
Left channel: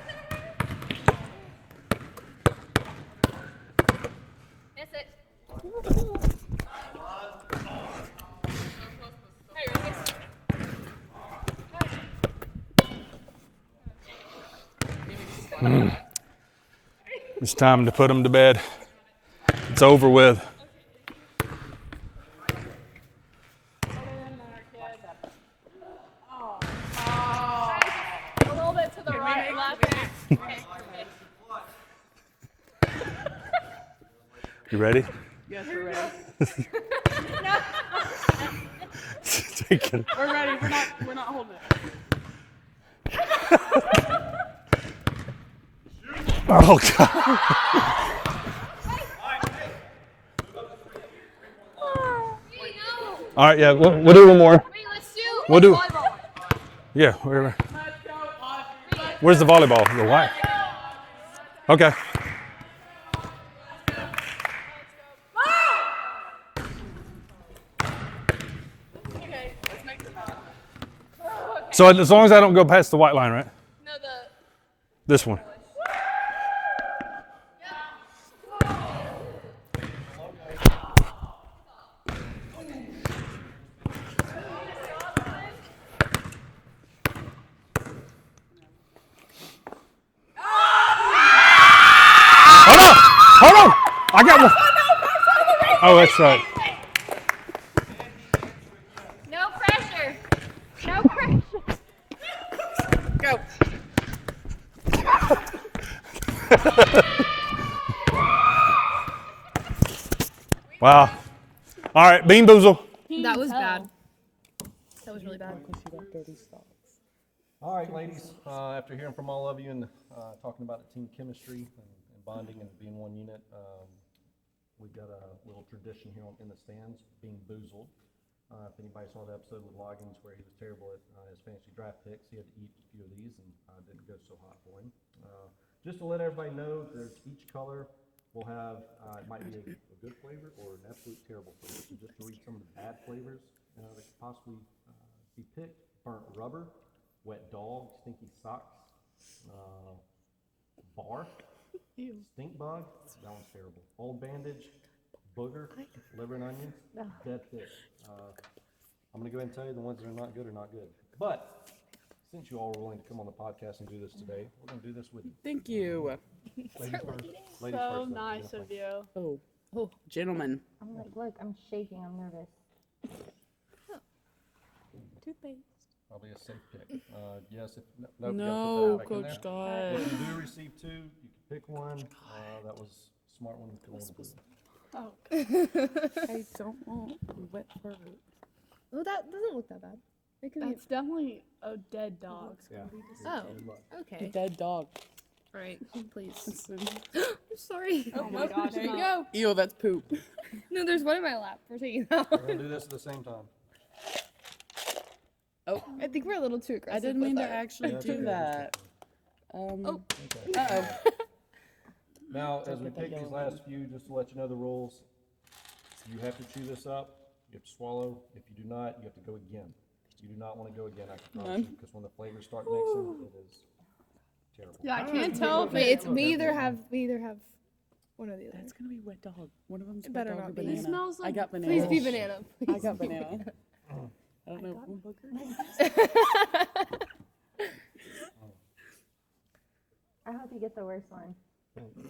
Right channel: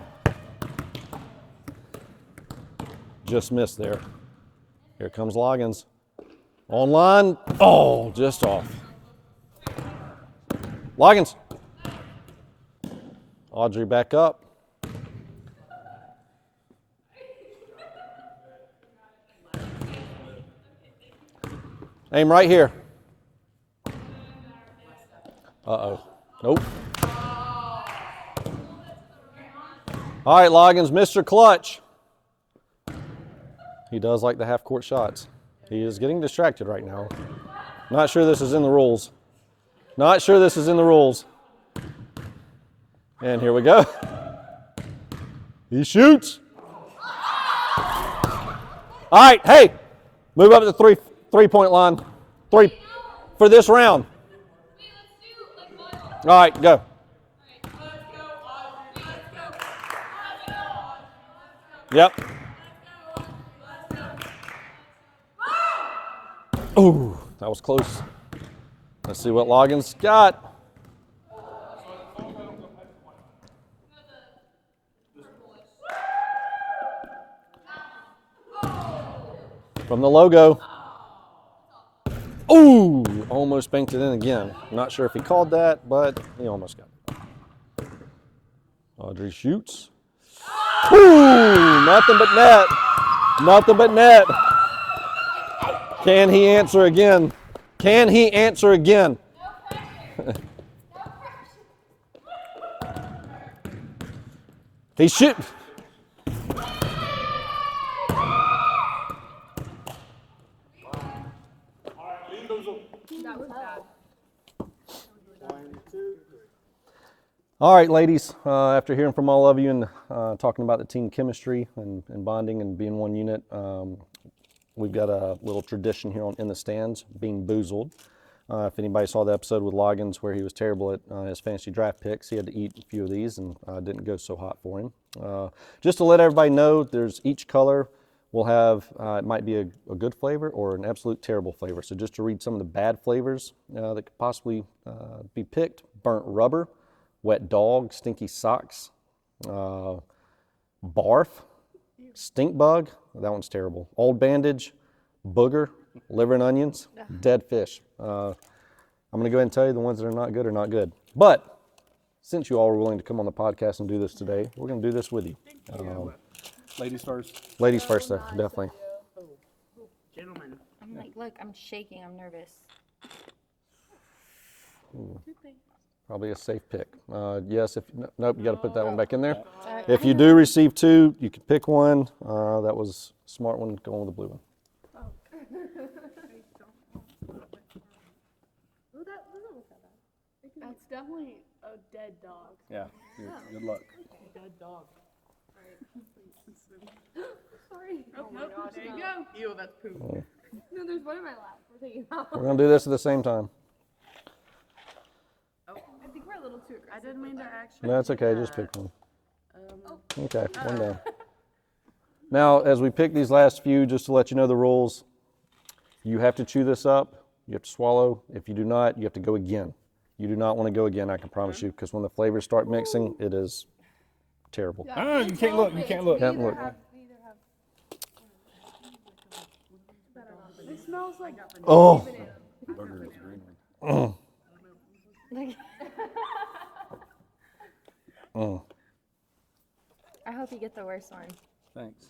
Just missed there. Here comes Loggins. On line. Oh, just off. Loggins. Audrey back up. It's time to put them to bed. It's over with. Aim right here. Uh-oh. Nope. A little bit to the right, left. All right, Loggins, Mr. Clutch. He does like the half-court ready? shots. He is getting distracted right now. Not sure this is in the rules. Not sure this is in the rules. And here we go. He shoots. Oh, God. All right, hey, move up to the three-point line. Three for All right, this yeah, round. We'll do one more. Wait, let's do. We'll do. volleyball. All right, go. Yeah, wherever. Where's the volleyball? The white. Okay. Yep. Ooh, that was close. Let's see what Loggins got. So as long as I don't go past the white line, right? No, the. This one. From the logo. Ooh, almost banked it in again. I'm not sure if he called that, but he almost got it. Audrey shoots. Ooh, nothing but net. Nothing but net. I got one. Oh, that's Can he right. answer again? Can he answer again? No pressure. No pressure. Go. He shoot. Wow. All right, Bean Boozle. That was bad. That was really bad. All right, ladies, after hearing from all of you and talking about the team chemistry and bonding and being one unit, we've got a little tradition here in the stands, being boozled. If anybody saw the episode with Loggins where he was terrible at his fantasy draft picks, he had to eat a few of these and didn't go so hot for him. Just to let everybody know, there's each color will have, it might be a good flavor or an absolute terrible flavor. So just to read some of the bad flavors that could possibly be picked: burnt rubber, wet dog, stinky socks, barf, stink bug, that one's terrible, old bandage, booger, liver and onions, dead fish. I'm going to go ahead and tell you the ones that are not good are not good. But since you all were willing to come on the podcast and do this today, we're going to do this with you. Thank you. Ladies first. Ladies first, though, definitely. Gentlemen. I'm like, look, I'm shaking. I'm nervous. Probably a safe pick. Yes, if nope, you got to put that one back in there. God. If you do receive two, you can pick one. That was a smart one, going with the blue one. I don't want a wet bird. Oh, that doesn't look that bad. It could be. That's definitely a dead dog. Yeah. Oh, Good luck. okay. Dead dog. All right, please. Sorry. Oh my gosh. There you go. Ew, that's poop. No, there's one in my lap. We're taking it out. We're going to do this at the same time. Oh, I think we're a little too aggressive. I didn't mean with to our- actually No, it's do okay. that. Just pick one. Okay. one Uh-oh. down. Now, as we pick these last few, just to let you know the rules, you have to chew this up. You have to swallow. If you do not, you have to go again. You do not want to go again, I can promise you, because when the flavors start mixing, it is terrible. Yeah, I Ah, you can't can't tell look. if You Wait, can't it's look. we Can't either look. have One or the other. It's gonna be wet dog. One of them's wet better dog or not be. banana. It smells like I got banana. Oh. Be banana. I got banana. I don't know. I hope you get the worst one. Thanks.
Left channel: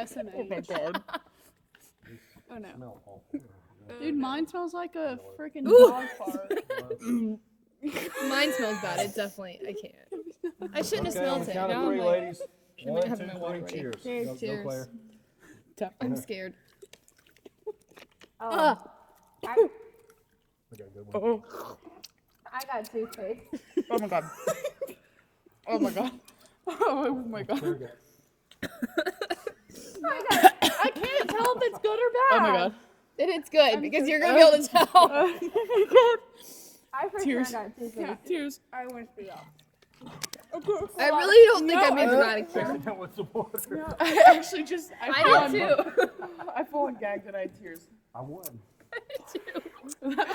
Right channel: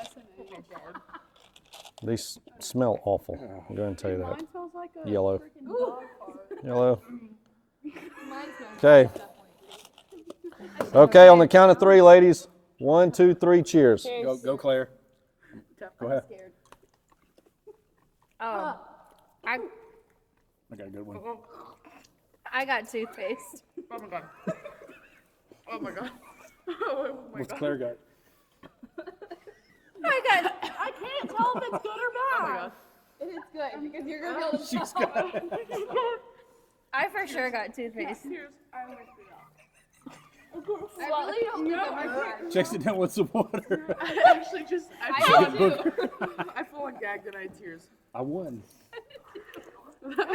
SMH. These smell awful. I'm going to tell you that. Mine smells like a Yellow. freaking dog fart. Yellow. Mine smells Okay. good, definitely. I can't. I should've Okay, on the sneezed. count of 3, ladies. 1, 2, 3, cheers. Go Claire. I'm scared. Oh, I got a good one. I got toothpaste. Oh my god. Oh my god. Oh my What's god. Claire got? I can't tell if it's good or bad. Oh my god. And it's good because you're gonna be able to tell. I for sure got toothpaste. Tears. I went through that. I really don't think I'm being dramatic. Jackson down with some water. I actually just. I did too. I full on gagged and I had tears. I won. You get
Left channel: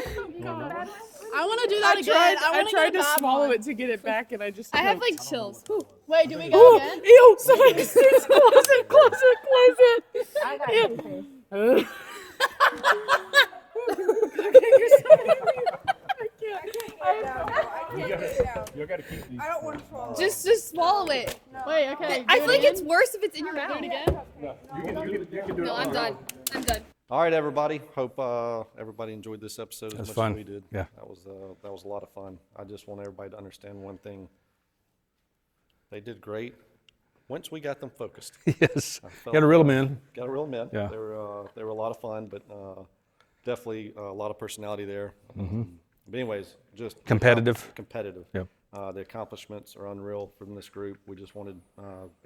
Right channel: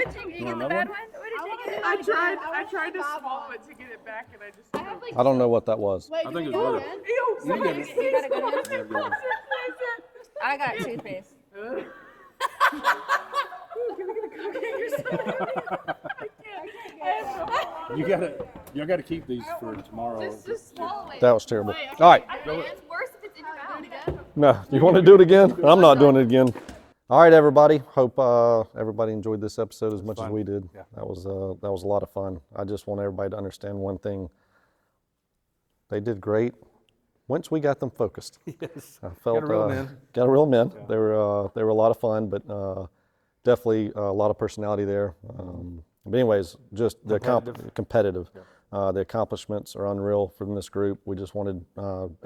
the bad one? I want to do that I again. tried. I I wanna tried get a to bad swallow one. it to get it back, and I just. I have like I don't know chills. what that was. Wait, do we think go it's- again? Ew! Somebody sneeze. Close it! Close it! Close it! I got toothpaste. You gotta keep these for tomorrow. Just swallow it. That was terrible. Wait, All right. I feel like it's worse if it's in your mouth. No, you want to do it again? I'm not doing it again. I'm done. All right, everybody. Hope everybody enjoyed this episode as much fun. as we did. Yeah. That was a lot of fun. I just want everybody to understand one thing. They did great once we got them focused. Yes. I felt, Gotta reel 'em in. Got to reel them in. Yeah. They were a lot of fun, but definitely a lot of personality there. But anyways, just the competitive. Yep. The accomplishments are unreal from this group. We just wanted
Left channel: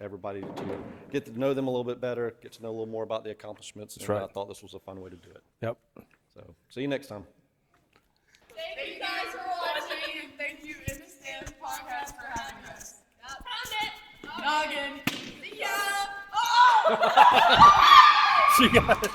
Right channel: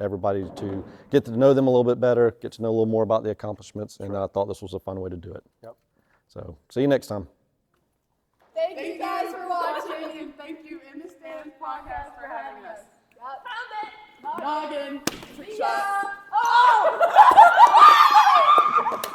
everybody to get to know them a little bit better, get to know a little more about the accomplishments, and I thought this was a fun way to do it. Yep. So, see you next time. Thank you guys for watching, and thank you In the Stands podcast for having us. Found it. Noggin. See ya. Oh! She got it.